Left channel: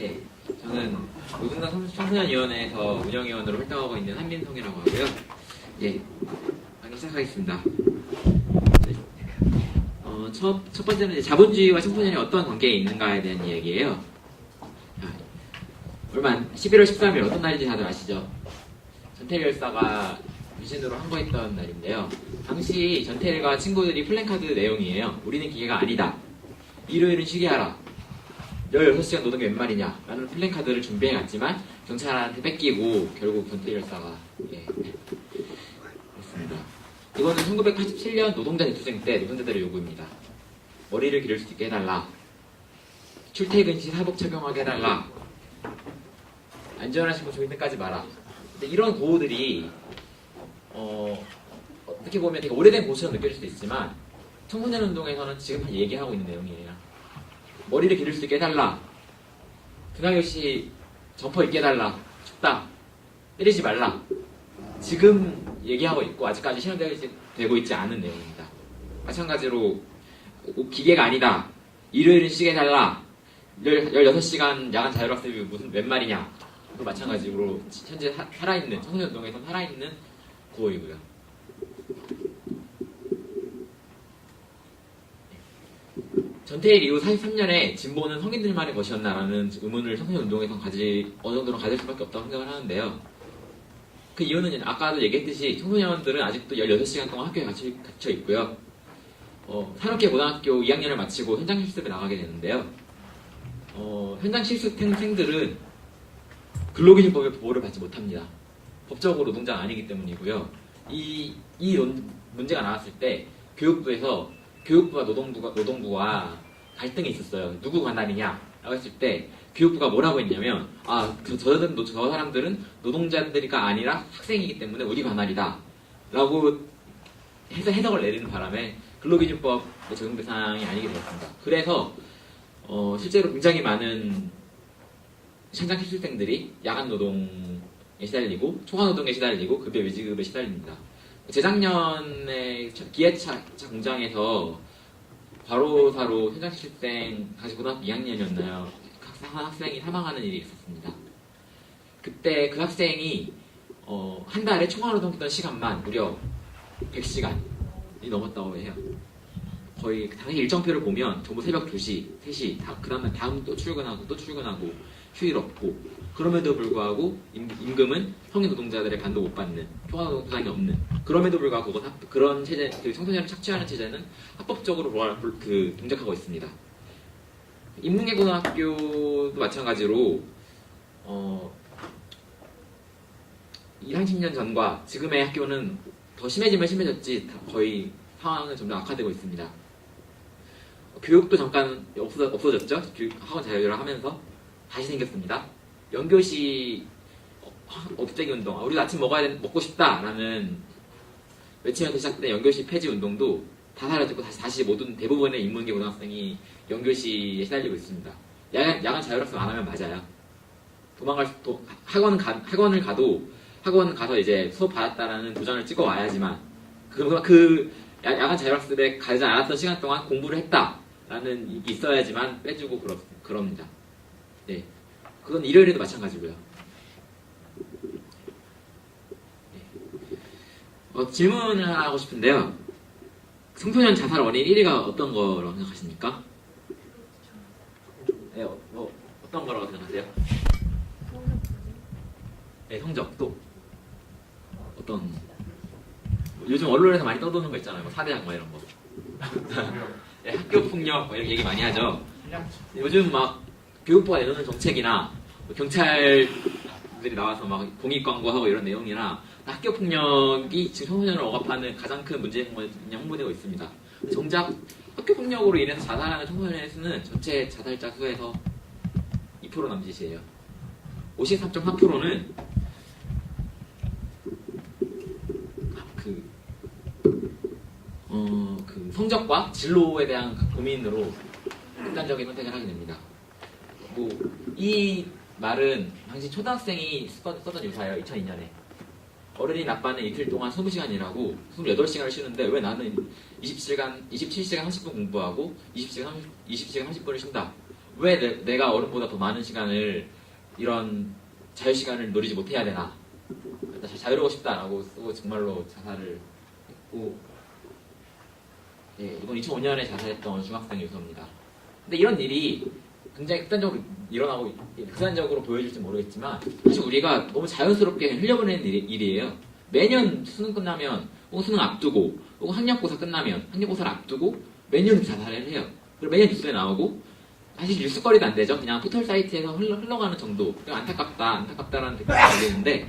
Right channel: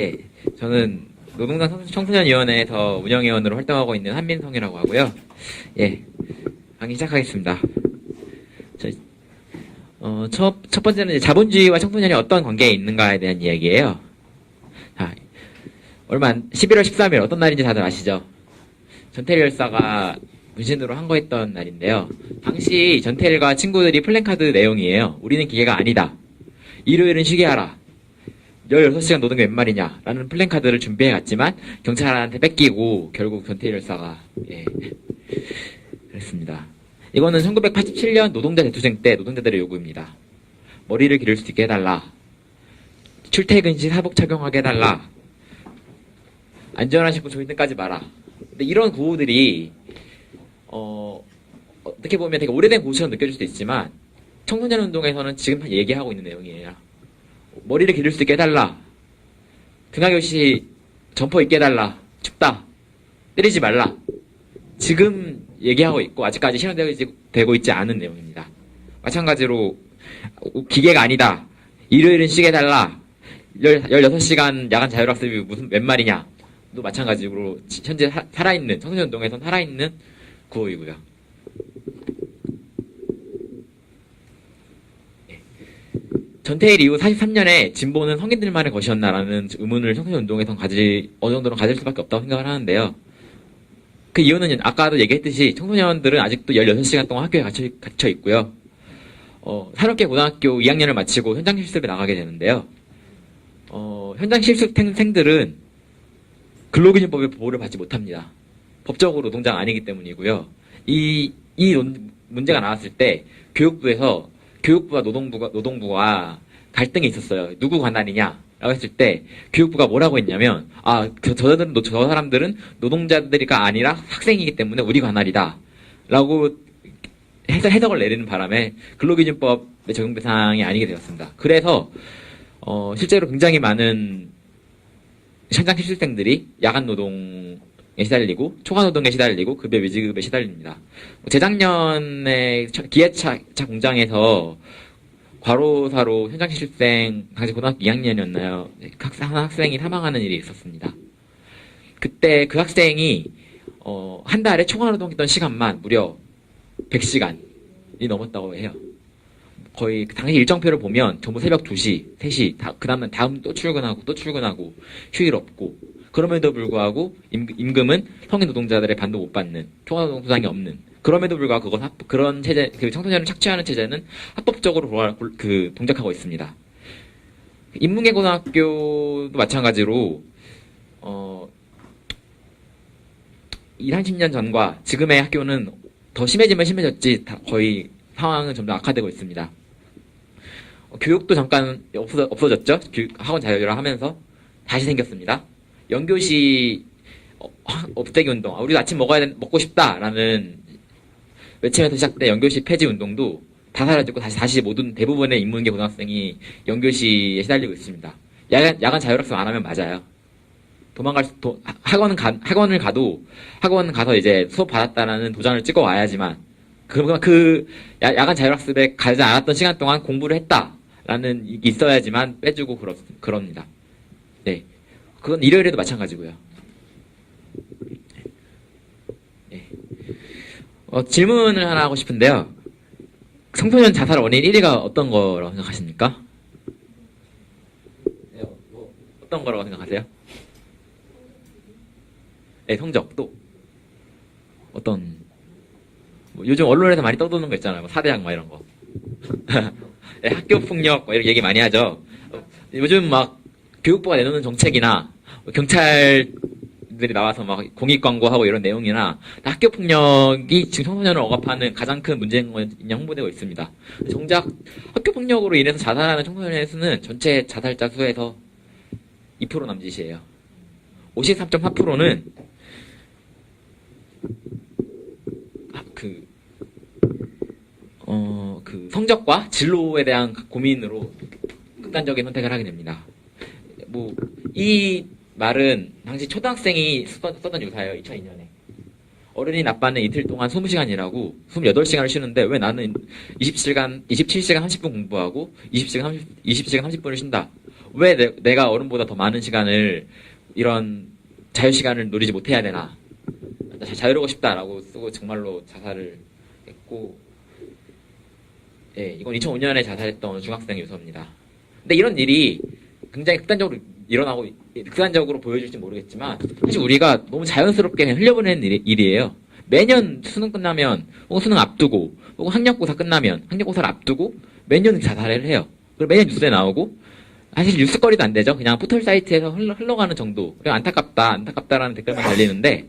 예, 저는 노동당 청소년위원회에서 운영위원으로 활동하고 있는 한민성이라고 하고요. 예, 강의 시작하겠습니다. 첫 번째는 이제 자본주의와 청소년이 어떤 관계에 있는가에 대한 이야기예요. 자, 11월 13일 어떤 날인지 다들 아시죠? 전태일 열사가 문신으로 항거했던 날인데요. 당시 전태일과 친구들이 플랜카드 내용이에요. 우리는 기계가 아니다. 일요일은 쉬게 하라. 16시간 노동이 웬 말이냐 라는 플랜카드를 준비해갔지만 경찰한테 뺏기고 결국 전태일 열사가 그랬습니다. 이거는 1987년 노동자 대투쟁 때 노동자들의 요구입니다. 머리를 기를 수 있게 해달라. 출퇴근 시 사복 착용하게 해달라. 안전한 식품 조인등까지 마라. 근데 이런 구호들이 어떻게 보면 되게 오래된 구호처럼 느껴질 수도 있지만 청소년 운동에서는 지금 얘기하고 있는 내용이에요. 머리를 기를 수 있게 해달라. 등하교시 점퍼 입게 해달라. 춥다. 때리지 말라. 지금 얘기하고 있고 아직까지 실현되고 있지 않은 내용입니다. 마찬가지로 기계가 아니다. 일요일은 쉬게 해달라. 16시간 야간 자율학습이 웬 말이냐. 또 마찬가지로 현재 살아있는 청소년운동에서 살아있는 구호이고요. 전태일 이후 43년에 진보는 성인들만의 것이었나라는 의문을 청소년운동에서 어느 정도는 가질 수밖에 없다고 생각을 하는데요. 그 이유는 아까도 얘기했듯이 청소년들은 아직도 16시간 동안 학교에 갇혀 있고요. 산업계 고등학교 2학년을 마치고 현장 실습에 나가게 되는데요. 현장 실습생들은 근로기준법의 보호를 받지 못합니다. 법적으로 노동자가 아니기 때문이고요. 이 문제가 나왔을 때 교육부와 노동부가 갈등이 있었어요. 누구 관할이냐? 라고 했을 때 교육부가 뭐라고 했냐면 저 사람들은 노동자들이가 아니라 학생이기 때문에 우리 관할이다. 라고 해석을 내리는 바람에 근로기준법의 적용 대상이 아니게 되었습니다. 그래서 실제로 굉장히 많은 현장 실습생들이 야간 노동에 시달리고 초과 노동에 시달리고 급여 미지급에 시달립니다. 재작년에 기아차 공장에서 과로사로 현장 실습생 당시 고등학교 2학년이었나요? 한 학생이 사망하는 일이 있었습니다. 그때 그 학생이 한 달에 초과 노동했던 시간만 무려 100시간이 넘었다고 해요. 거의 당시 일정표를 보면 전부 새벽 2시, 3시, 그 다음에 또 출근하고 휴일 없고 그럼에도 불구하고 임금은 성인 노동자들의 반도 못 받는 초과노동 보상이 없는 그럼에도 불구하고 그런 체제 청소년을 착취하는 체제는 합법적으로 동작하고 있습니다. 인문계 고등학교도 마찬가지로 30년 전과 지금의 학교는 더 심해지면 심해졌지 거의 상황은 점점 악화되고 있습니다. 교육도 잠깐 없어졌죠. 학원 자율화 하면서 다시 생겼습니다. 연교시 없애기 운동, 우리도 아침 먹고 싶다라는 외치면서 시작된 연교시 폐지 운동도 다 사라졌고 다시 대부분의 인문계 고등학생이 연교시에 시달리고 있습니다. 야간 자율학습 안 하면 맞아요. 학원을 가서 이제 수업 받았다라는 도장을 찍어 와야지만 야간 자율학습에 가지 않았던 시간 동안 공부를 했다라는 있어야지만 빼주고 그럽니다. 네. 그건 일요일에도 마찬가지고요. 네. 질문을 하나 하고 싶은데요. 청소년 자살 원인 1위가 어떤 거라고 생각하십니까? 네, 어떤 거라고 생각하세요? 네, 성적 또 어떤 요즘 언론에서 많이 떠도는 거 있잖아요. 사대강 이런 거. 네, 학교 폭력 이렇게 얘기 많이 하죠. 요즘 막 교육부가 내놓는 정책이나 경찰들이 나와서 막 공익 광고하고 이런 내용이나 학교 폭력이 지금 청소년을 억압하는 가장 큰 문제인 건 홍보되고 있습니다. 정작 학교 폭력으로 인해서 자살하는 청소년의 수는 전체 자살자 수에서 2% 남짓이에요. 53.4%는 성적과 진로에 대한 고민으로 극단적인 선택을 하게 됩니다. 이 말은 당시 초등학생이 썼던 유사예요. 2002년에. 어른이 나빠는 이틀 동안 20시간 일하고 28시간을 쉬는데 왜 나는 27시간 30분 공부하고 20시간 30분을 쉰다. 왜 내가 어른보다 더 많은 시간을 이런 자유 시간을 누리지 못해야 되나? 자유로우고 싶다라고 쓰고 정말로 자살을 했고, 예, 이건 2005년에 자살했던 중학생 유서입니다. 근데 이런 일이 굉장히 극단적으로 일어나고 극단적으로 보여질지 모르겠지만 사실 우리가 너무 자연스럽게 그냥 흘려보내는 일이에요. 매년 수능 끝나면 혹은 수능 앞두고 혹은 학력고사 끝나면 학력고사를 앞두고 매년 자살을 해요. 그리고 매년 뉴스에 나오고 사실 뉴스거리도 안 되죠. 그냥 포털 사이트에서 흘러가는 정도. 그냥 안타깝다라는 댓글이 열리는데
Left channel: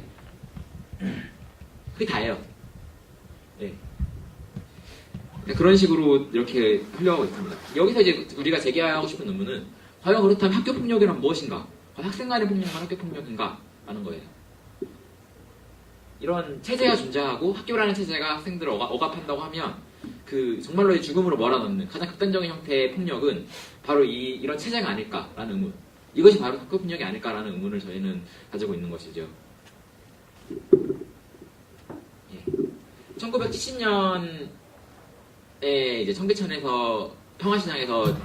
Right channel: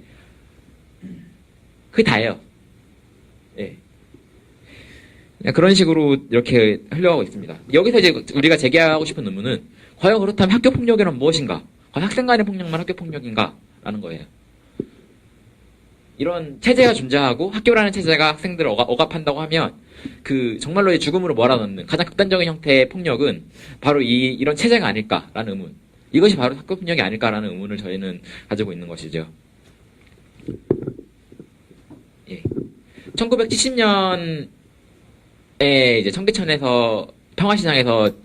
그게 다예요. 예. 그런 식으로 이렇게 흘러가고 있습니다. 여기서 이제 우리가 제기하고 싶은 의문은 과연 그렇다면 학교 폭력이란 무엇인가? 과연 학생 간의 폭력만 학교 폭력인가? 라는 거예요. 이런 체제가 존재하고 학교라는 체제가 학생들을 억압한다고 하면 그 정말로 죽음으로 몰아넣는 가장 극단적인 형태의 폭력은 바로 이런 체제가 아닐까라는 의문. 이것이 바로 학교 폭력이 아닐까라는 의문을 저희는 가지고 있는 것이죠. 예. 1970년에 이제 청계천에서 평화시장에서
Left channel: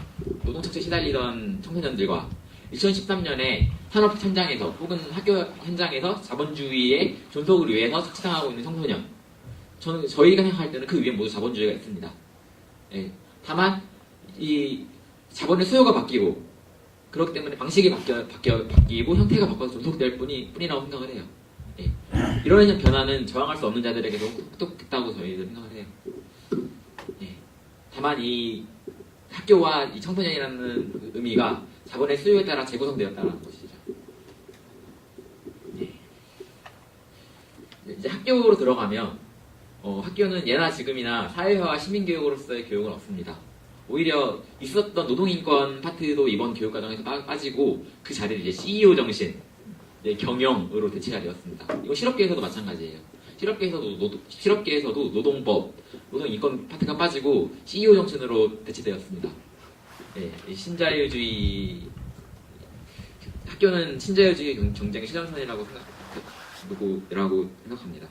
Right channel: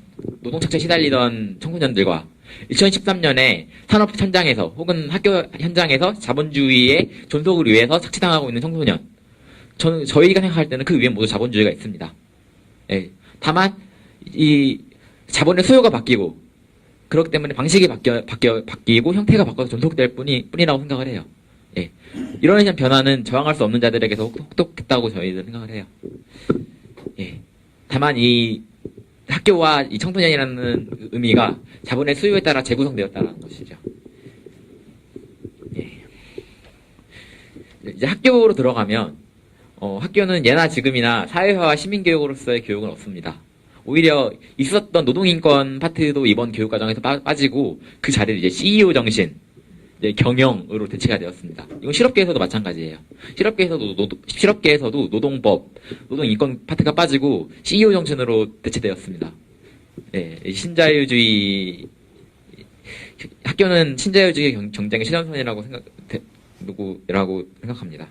노동착취에 시달리던 청소년들과 2013년에 산업 현장에서 혹은 학교 현장에서 자본주의의 존속을 위해서 착취당하고 있는 청소년. 저희가 생각할 때는 그 위에 모두 자본주의가 있습니다. 예. 다만 이 자본의 수요가 바뀌고 그렇기 때문에 방식이 바뀌고 형태가 바뀌어서 존속될 뿐이라고 생각을 해요. 예. 이러한 변화는 저항할 수 없는 자들에게서 혹독했다고 저희들 생각을 해요. 예. 다만 이 학교와 이 청소년이라는 의미가 자본의 수요에 따라 재구성되었다는 것이죠. 예. 이제 학교로 들어가면 학교는 예나 지금이나 사회화와 시민교육으로서의 교육은 없습니다. 오히려 있었던 노동인권 파트도 이번 교육과정에서 빠지고 그 자리를 이제 CEO 정신, 이제 경영으로 대체가 되었습니다. 이건 실업계에서도 마찬가지예요. 실업계에서도 노동법, 노동인권 파트가 빠지고 CEO 정신으로 대체되었습니다. 네, 신자유주의 학교는 신자유주의 경쟁의 최전선이라고 생각합니다.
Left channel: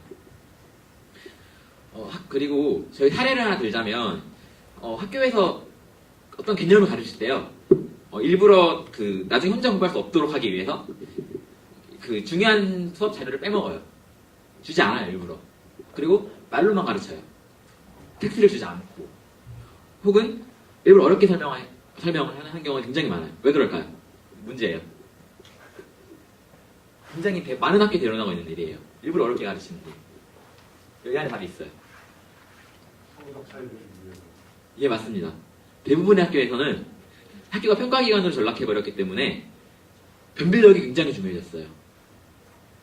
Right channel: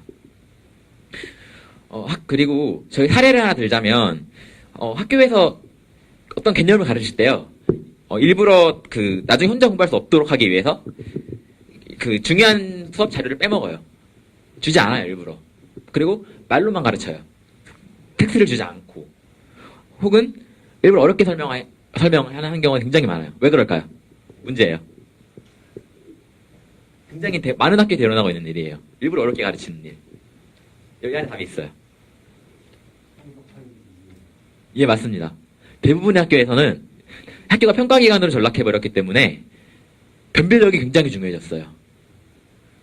그리고 저희 사례를 하나 들자면 학교에서 어떤 개념을 가르칠 때요. 일부러 나중에 혼자 공부할 수 없도록 하기 위해서 중요한 수업 자료를 빼먹어요. 주지 않아요, 일부러. 그리고 말로만 가르쳐요. 텍스트를 주지 않고. 혹은 일부러 어렵게 설명을 하는 경우가 굉장히 많아요. 왜 그럴까요? 문제예요. 굉장히 많은 학교에 일어나고 있는 일이에요. 일부러 어렵게 가르치는 일. 여기 안에 답이 있어요. 예, 맞습니다. 대부분의 학교에서는 학교가 평가기관으로 전락해버렸기 때문에 변별력이 굉장히 중요해졌어요.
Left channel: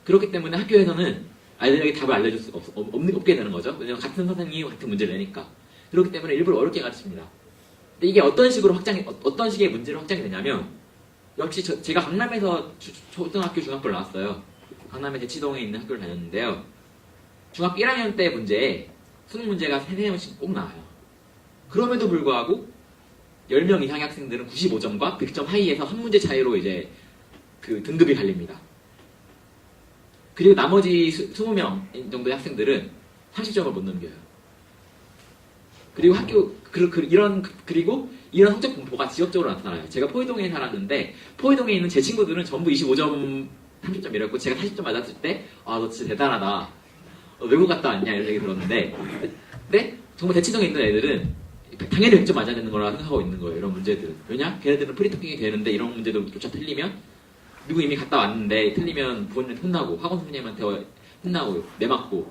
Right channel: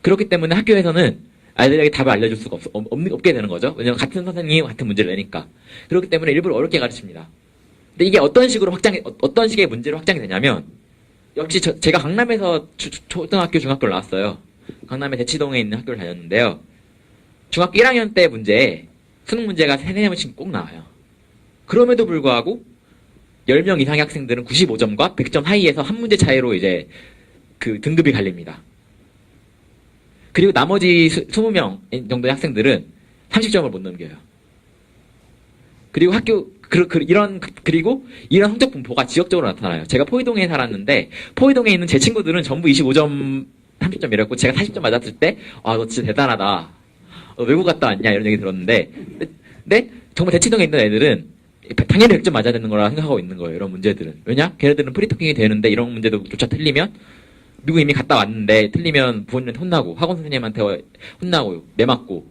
그렇기 때문에 학교에서는 아이들에게 답을 알려줄 수가 없게 되는 거죠. 왜냐하면 같은 선생님이 같은 문제를 내니까. 그렇기 때문에 일부러 어렵게 가르칩니다. 근데 이게 어떤 식의 문제로 확장이 되냐면, 역시 제가 강남에서 초등학교, 중학교를 나왔어요. 강남의 대치동에 있는 학교를 다녔는데요. 중학교 1학년 때 수능 문제가 3-4번씩 꼭 나와요. 그럼에도 불구하고 10명 이상의 학생들은 95점과 100점 사이에서 한 문제 차이로 이제 등급이 갈립니다. 그리고 나머지 20명 정도의 학생들은 30점을 못 넘겨요. 그리고 그리고 이런 성적 분포가 지역적으로 나타나요. 제가 포이동에 살았는데 포이동에 있는 제 친구들은 전부 25점, 30점이랬고 제가 40점 맞았을 때 너 진짜 대단하다. 외국 갔다 왔냐 이런 얘기 들었는데 근데 정말 대치동에 있는 애들은 당연히 100점 맞아야 되는 거라 생각하고 있는 거예요. 이런 문제들은. 왜냐? 걔네들은 프리토킹이 되는데 이런 문제조차 틀리면 누구 이미 갔다 왔는데 틀리면 부모님한테 혼나고 학원 선생님한테 혼나고 내맞고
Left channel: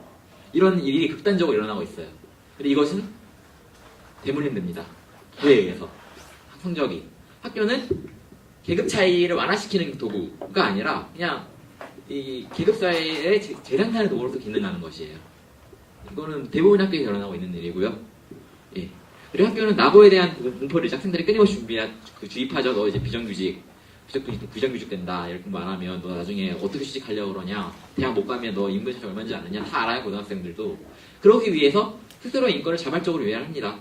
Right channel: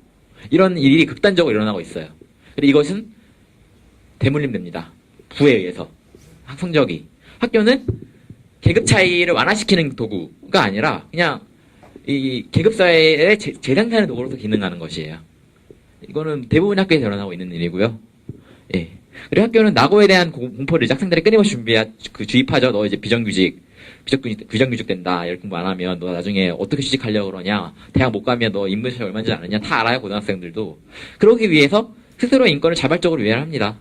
이런 일이 극단적으로 일어나고 있어요. 근데 이것은 대물림됩니다. 부에 의해서. 성적이. 학교는 계급 차이를 완화시키는 도구가 아니라 그냥 이 계급사회의 재생산의 도구로서 기능하는 것이에요. 이거는 대부분 학교에서 일어나고 있는 일이고요. 예. 그리고 학교는 낙오에 대한 공포를 이제 학생들이 끊임없이 주입하죠. 너 이제 비정규직 된다. 이렇게 공부 안 하면 너 나중에 어떻게 취직하려고 그러냐. 대학 못 가면 너 인문시험 얼마인지 아느냐. 다 알아요, 고등학생들도. 그러기 위해서 스스로의 인권을 자발적으로 위해를 합니다.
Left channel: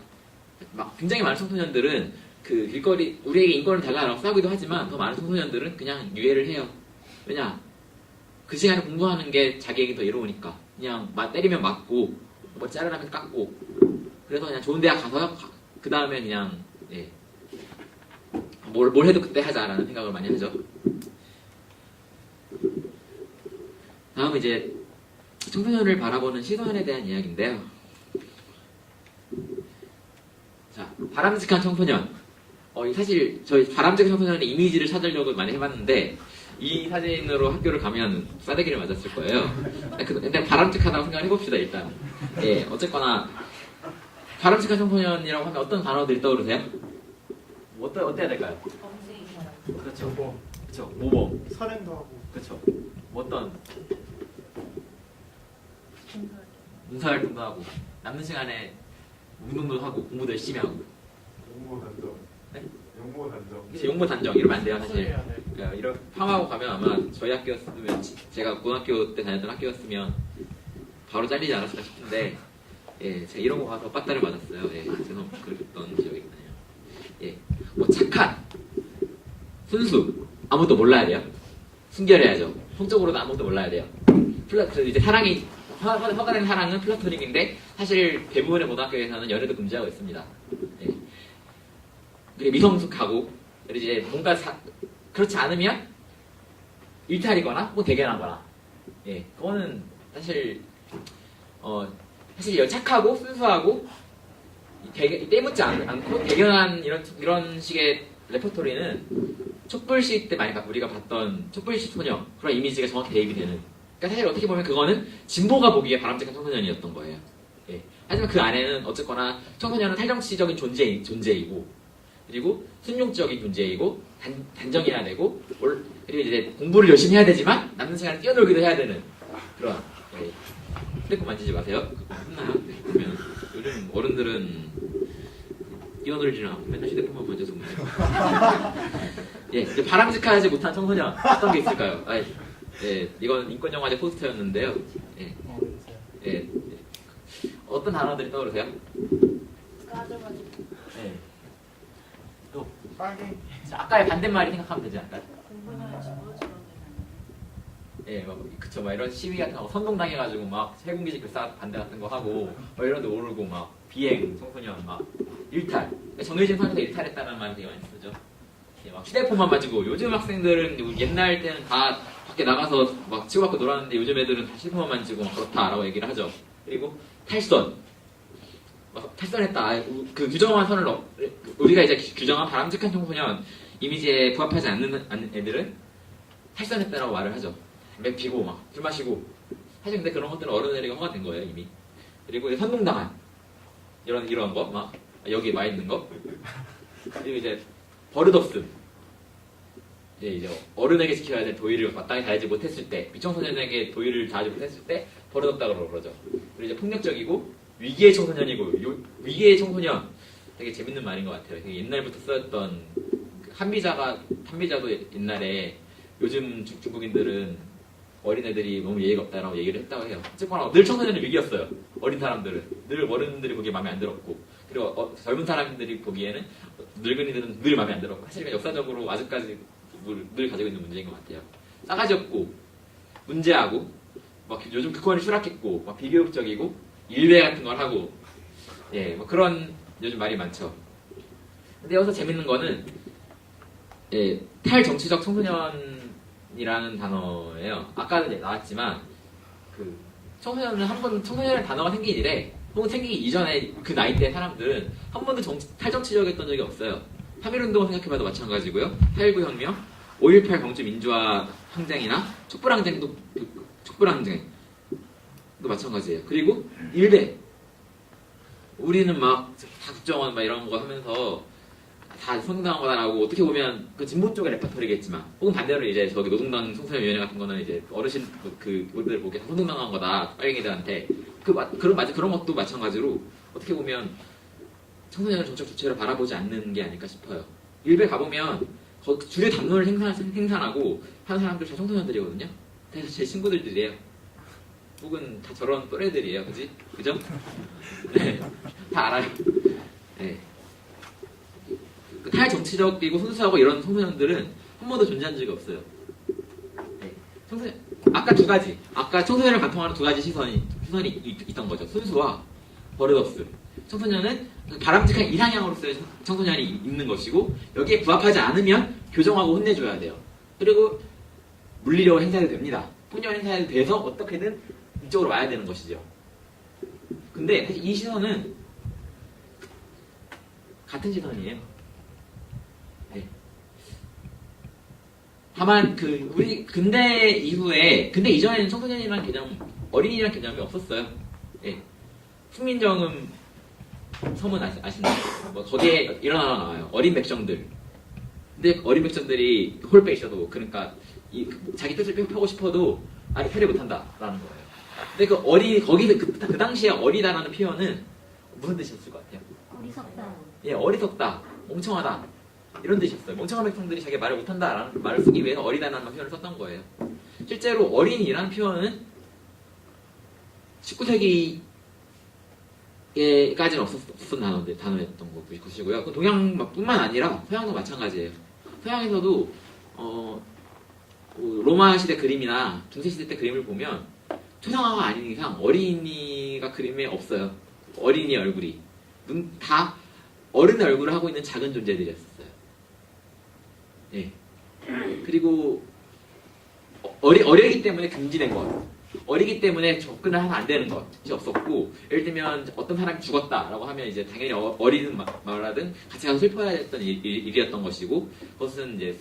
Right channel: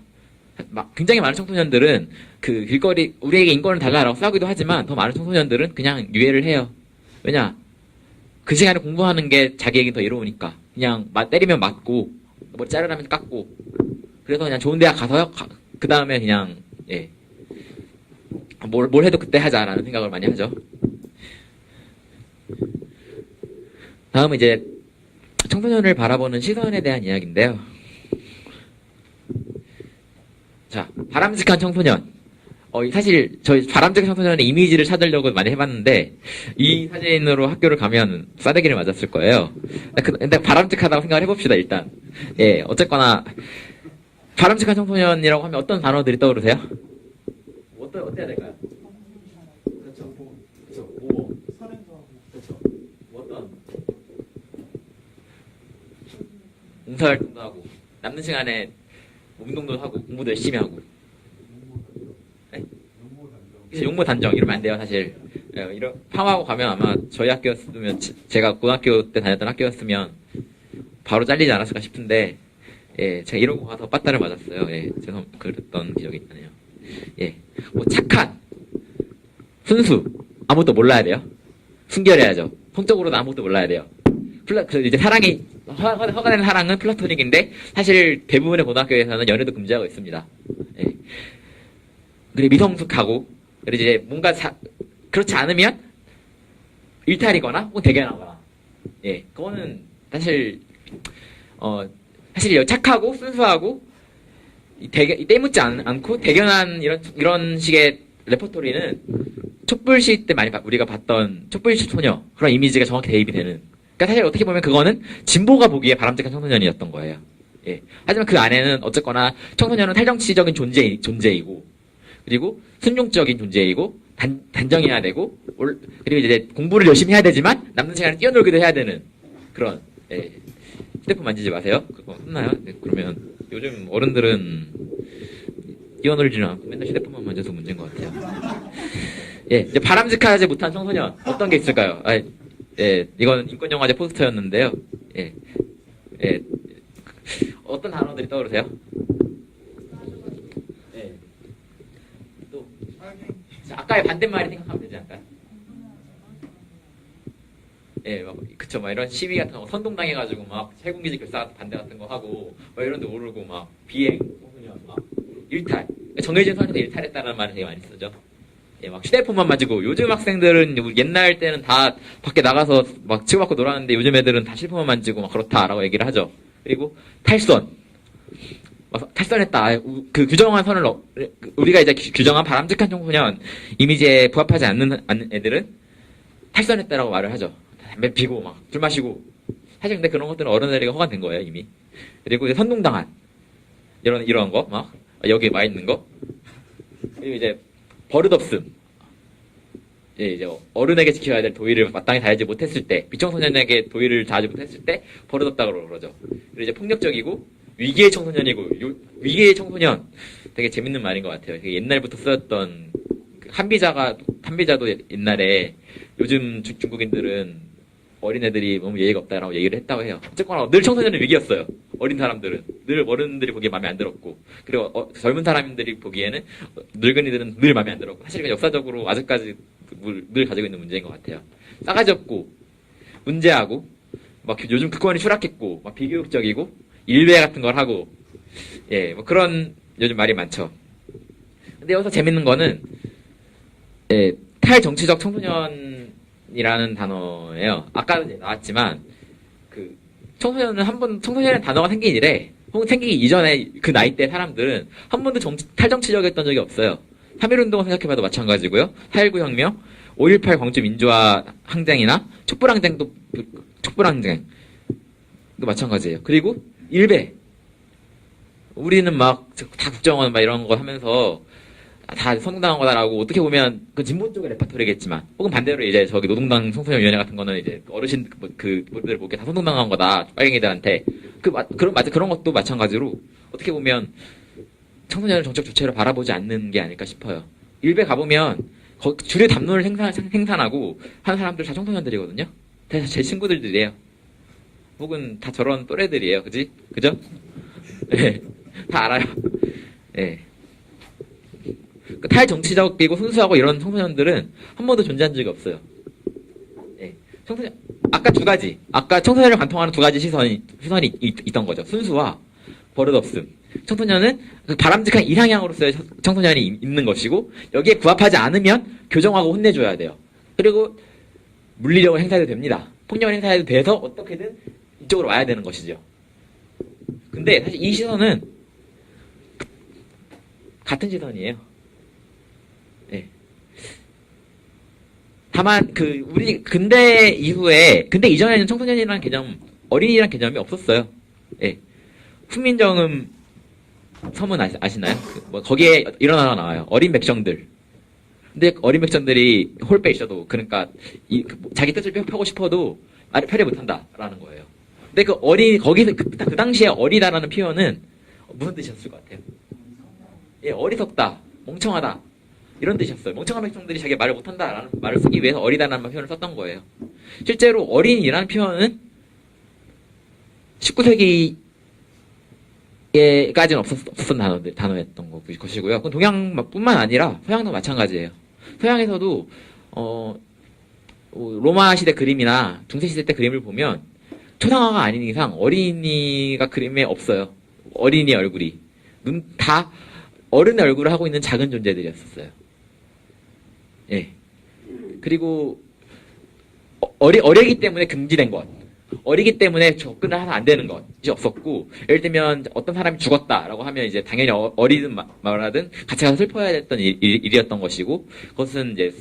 굉장히 많은 청소년들은 길거리 우리에게 인권을 달라라고 싸우기도 하지만 더 많은 청소년들은 그냥 유예를 해요. 왜냐? 그 시간에 공부하는 게 자기에게 더 이로우니까. 그냥 때리면 맞고 뭐 자르라면 깎고 그래서 그냥 좋은 대학 가서요. 그 다음에 그냥 예. 뭘 해도 그때 하자라는 생각을 많이 하죠. 다음은 이제 청소년을 바라보는 시선에 대한 이야기인데요. 자, 바람직한 청소년. 사실 저희 바람직한 청소년의 이미지를 찾으려고 많이 해봤는데 이 사진으로 학교를 가면 싸대기를 맞았을 거예요. 근데 바람직하다고 생각을 해봅시다 일단. 예, 어쨌거나 바람직한 청소년이라고 하면 어떤 단어들이 떠오르세요? 어때야 될까요? 그렇죠. 그렇죠. 모범. 선행도 하고 그렇죠. 어떤 봉사활동도 하고 남는 시간에 운동도 하고 공부도 열심히 하고. 용모 단정. 네? 용모 단정. 그래서 용모 단정 이러면 안 돼요 사실. 예, 이런 파하고 가면 아마 저희 학교였으면 제가 고등학교 때 다녔던 학교였으면 바로 잘리지 않았을까 싶은데 예, 제가 이런 거 가서 빠따를 맞았어요. 예, 제가 그랬던 기억이 나네요. 예, 뭐 착한, 순수 아무도 몰라야 돼요. 순결해야죠. 성적으로도 아무도 몰라야 돼요. 그래서 이제 사랑이 허가된 사랑은 플라토닉인데 사실 대부분의 고등학교에서는 연애도 금지하고 있습니다. 예. 그리고 미성숙하고 그리고 이제 뭔가 그렇지 않으면 일탈이거나 혹은 대견하거나 예 그거는 사실 사실 착하고 순수하고 때묻지 않고 대견한 이런 식의 레퍼토리는 촛불시 때 많이 우리가 봤던 촛불시 소녀 그런 이미지가 정확히 대입이 되는. 그러니까 사실 어떻게 보면 그거는 진보가 보기에 바람직한 청소년이었던 거예요. 예. 하지만 그 안에는 어쨌거나 청소년은 탈정치적인 존재이고 그리고 순종적인 존재이고 단정해야 되고 그리고 이제 공부를 열심히 해야 되지만 남는 시간에 뛰어놀기도 해야 되는 그런. 예. 휴대폰 만지지 마세요. 그거 혼나요. 네, 그러면 요즘 어른들은 뛰어놀지는 않고 맨날 휴대폰만 만져서 문제가 없고. 예, 이제 바람직하지 못한 청소년 어떤 게 있을까요? 예, 이건 인권영화제 포스터였는데요. 예, 예, 어떤 단어들이 떠오르세요? 예. 또 빨갱이. 아까의 반대말이 생각하면 되지 않을까요? 예, 그쵸, 이런 시위 같은 거 선동당해가지고 막 세공기지 결사 반대 같은 거 하고 이런 데 오르고 막 비행 청소년 막 일탈 정해진 선에서 일탈했다는 말을 되게 많이 쓰죠. 예, 막 휴대폰만 만지고 요즘 학생들은 옛날 때는 다 밖에 나가서 막 치고받고 놀았는데 요즘 애들은 다 실폰만 만지고 막 그렇다라고 얘기를 하죠. 그리고 탈선 탈선했다. 그 규정한 선을 우리가 이제 규정한 바람직한 청소년 이미지에 부합하지 않는 애들은 탈선했다라고 말을 하죠. 담배 피고 막 술 마시고 사실 근데 그런 것들은 어른들에게 허가된 거예요 이미. 그리고 이제 선동당한 이런 거 막 여기 와 있는 거 그리고 이제 버릇없음. 예, 이제 어른에게 지켜야 될 도의를 마땅히 다하지 못했을 때 미청소년에게 도의를 다하지 못했을 때 버릇없다고 그러죠. 그리고 이제 폭력적이고 위기의 청소년이고 위기의 청소년 되게 재밌는 말인 것 같아요. 옛날부터 쓰였던 한비자도 옛날에 요즘 중국인들은 어린애들이 너무 예의가 없다라고 얘기를 했다고 해요. 어쨌거나 늘 청소년은 위기였어요. 어린 사람들은 늘 어른들이 보기에 마음에 안 들었고 그리고 젊은 사람들이 보기에는 늙은이들은 늘 마음에 안 들었고 사실 역사적으로 아직까지 늘 가지고 있는 문제인 것 같아요. 싸가지 없고 문제하고 막 요즘 그권이 추락했고 막 비교육적이고 일배 같은 걸 하고 예, 뭐 그런 요즘 말이 많죠. 근데 여기서 재밌는 거는 예, 탈정치적 청소년이라는 단어예요. 아까도 나왔지만 그 청소년의 단어가 생긴 이래 혹은 생기기 이전에 그 나이 때 사람들은 한 번도 탈정치적이었던 적이 없어요. 3.1운동 생각해봐도 마찬가지고요. 4.19 혁명, 5.18 광주 민주화 항쟁이나 촛불항쟁도 마찬가지예요. 그리고 일배 우리는 막 다 국정원 막 이런 거 하면서 다 선동당한 거다라고 어떻게 보면 그 진보 쪽의 레퍼토리겠지만 혹은 반대로 이제 저기 노동당 청소년위원회 같은 거는 이제 어르신 그분들 보기에 다 선동당한 거다 빨갱이들한테 그런 것도 마찬가지로 어떻게 보면 청소년을 정책 주체로 바라보지 않는 게 아닐까 싶어요. 일베 가보면 주류 담론을 생산하고 하는 사람들 다 청소년들이거든요. 다 제 친구들이에요. 혹은 다 저런 또래들이에요. 그죠? 네, 다 알아요. 네. 탈정치적이고 순수하고 이런 청소년들은 한 번도 존재한 적이 없어요. 네. 아까 청소년을 관통하는 두 가지 시선이 있던 거죠. 순수와 버릇없음. 청소년은 바람직한 이상향으로서의 청소년이 있는 것이고 여기에 부합하지 않으면 교정하고 혼내줘야 돼요. 그리고 물리력을 행사해도 됩니다. 폭력을 행사해도 돼서 어떻게든 이쪽으로 와야 되는 것이죠. 근데 사실 이 시선은 같은 시선이에요. 네. 다만 우리 근대 이전에는 청소년이라는 개념, 어린이라는 개념이 없었어요. 예. 훈민정음 서문 아시나요? 뭐 거기에 이런 하나 나와요. 어린 백성들. 근데 어린 백성들이 홀배 있어도 그러니까 자기 뜻을 펴고 싶어도 펴려 못한다라는 거예요. 근데 거기서 그 당시에 어리다라는 표현은 무슨 뜻이었을 것 같아요? 어리석다. 예, 어리석다, 멍청하다 이런 뜻이었어요. 멍청한 백성들이 자기 말을 못한다라는 말을 쓰기 위해서 어리다라는 표현을 썼던 거예요. 실제로 어린이라는 표현은 19세기에까지는 없었던 단어였던 것이고요. 동양뿐만 아니라 서양도 마찬가지예요. 서양에서도 로마 시대 그림이나 중세 시대 때 그림을 보면 초상화가 아닌 이상 어린이가 그림에 없어요. 어린이 얼굴이 다 어른의 얼굴을 하고 있는 작은 존재들이었어요. 예. 그리고 어리기 때문에 금지된 것, 어리기 때문에 접근을 하면 안 되는 것이 없었고, 예를 들면 어떤 사람이 죽었다라고 하면 이제 당연히 어리든 말하든 같이 가서 슬퍼해야 됐던 일이었던 것이고, 그것은 이제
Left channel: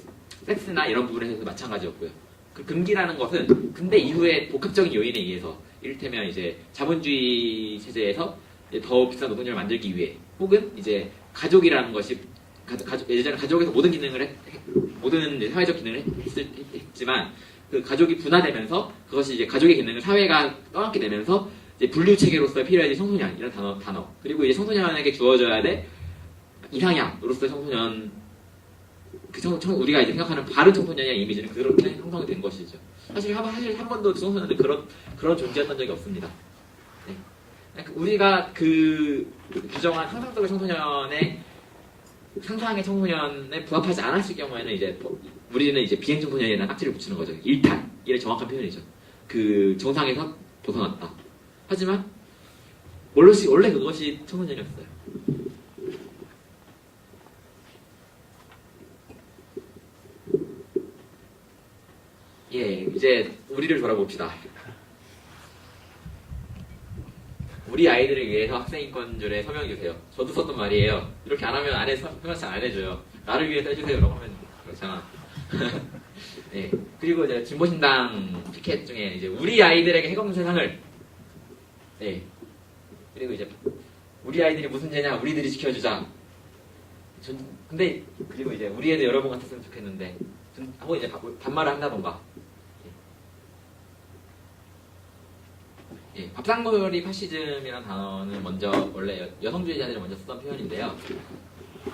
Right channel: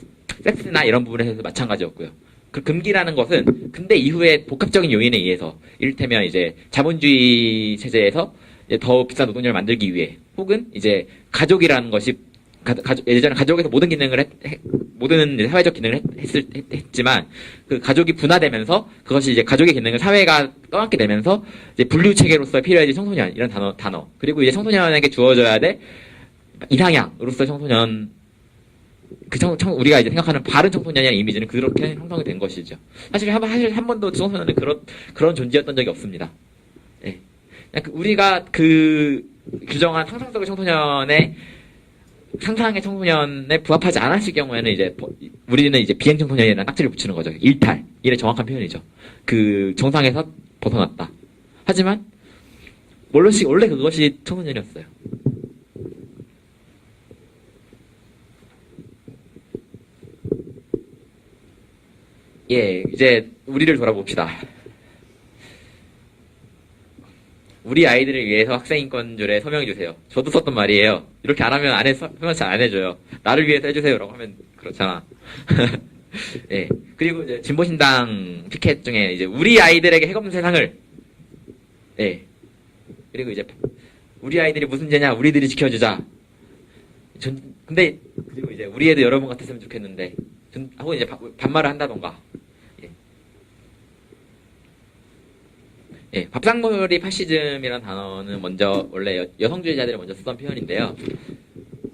섹스나 이런 부분에서 마찬가지였고요. 그 금기라는 것은 근대 이후에 복합적인 요인에 의해서, 이를테면 이제 자본주의 체제에서 이제 더 비싼 노동력을 만들기 위해, 혹은 이제 가족이라는 것이 예전에 가족에서 모든 기능을 모든 사회적 기능을 했지만 그 가족이 분화되면서 그것이 이제 가족의 기능을 사회가 떠안게 되면서 이제 분류 체계로서 필요해진 청소년 이런 단어 그리고 이제 청소년에게 주어져야 될 이상향으로서 청소년 우리가 이제 생각하는 바른 청소년이라는 이미지는 그렇게 형성이 된 것이죠. 사실 한 번도 청소년은 그런 존재였던 적이 없습니다. 네. 우리가 규정한 상상적인 상상의 청소년에 부합하지 않았을 경우에는 이제 우리는 이제 비행 청소년이라는 딱지를 붙이는 거죠. 일의 정확한 표현이죠. 그 정상에서 벗어났다. 하지만 원래 그것이 청소년이었어요. 예, 이제 우리를 돌아봅시다. 우리 아이들을 위해서 학생인권조례 서명해주세요. 저도 썼던 말이에요. 이렇게 안 하면 서명 잘 안 해줘요. 나를 위해서 해주세요. 라고 하면 그렇잖아. 예. 그리고 이제 진보신당 피켓 중에 이제 우리 아이들에게 해없는 세상을. 예. 그리고 이제 우리 아이들이 무슨 죄냐? 우리들이 지켜주자. 근데 그리고 이제 우리 애들 여러분 같았으면 좋겠는데. 하고 이제 반말을 한다던가. 예, 밥상머리 파시즘이라는 단어는 먼저 원래 여성주의자들이 먼저 쓰던 표현인데요.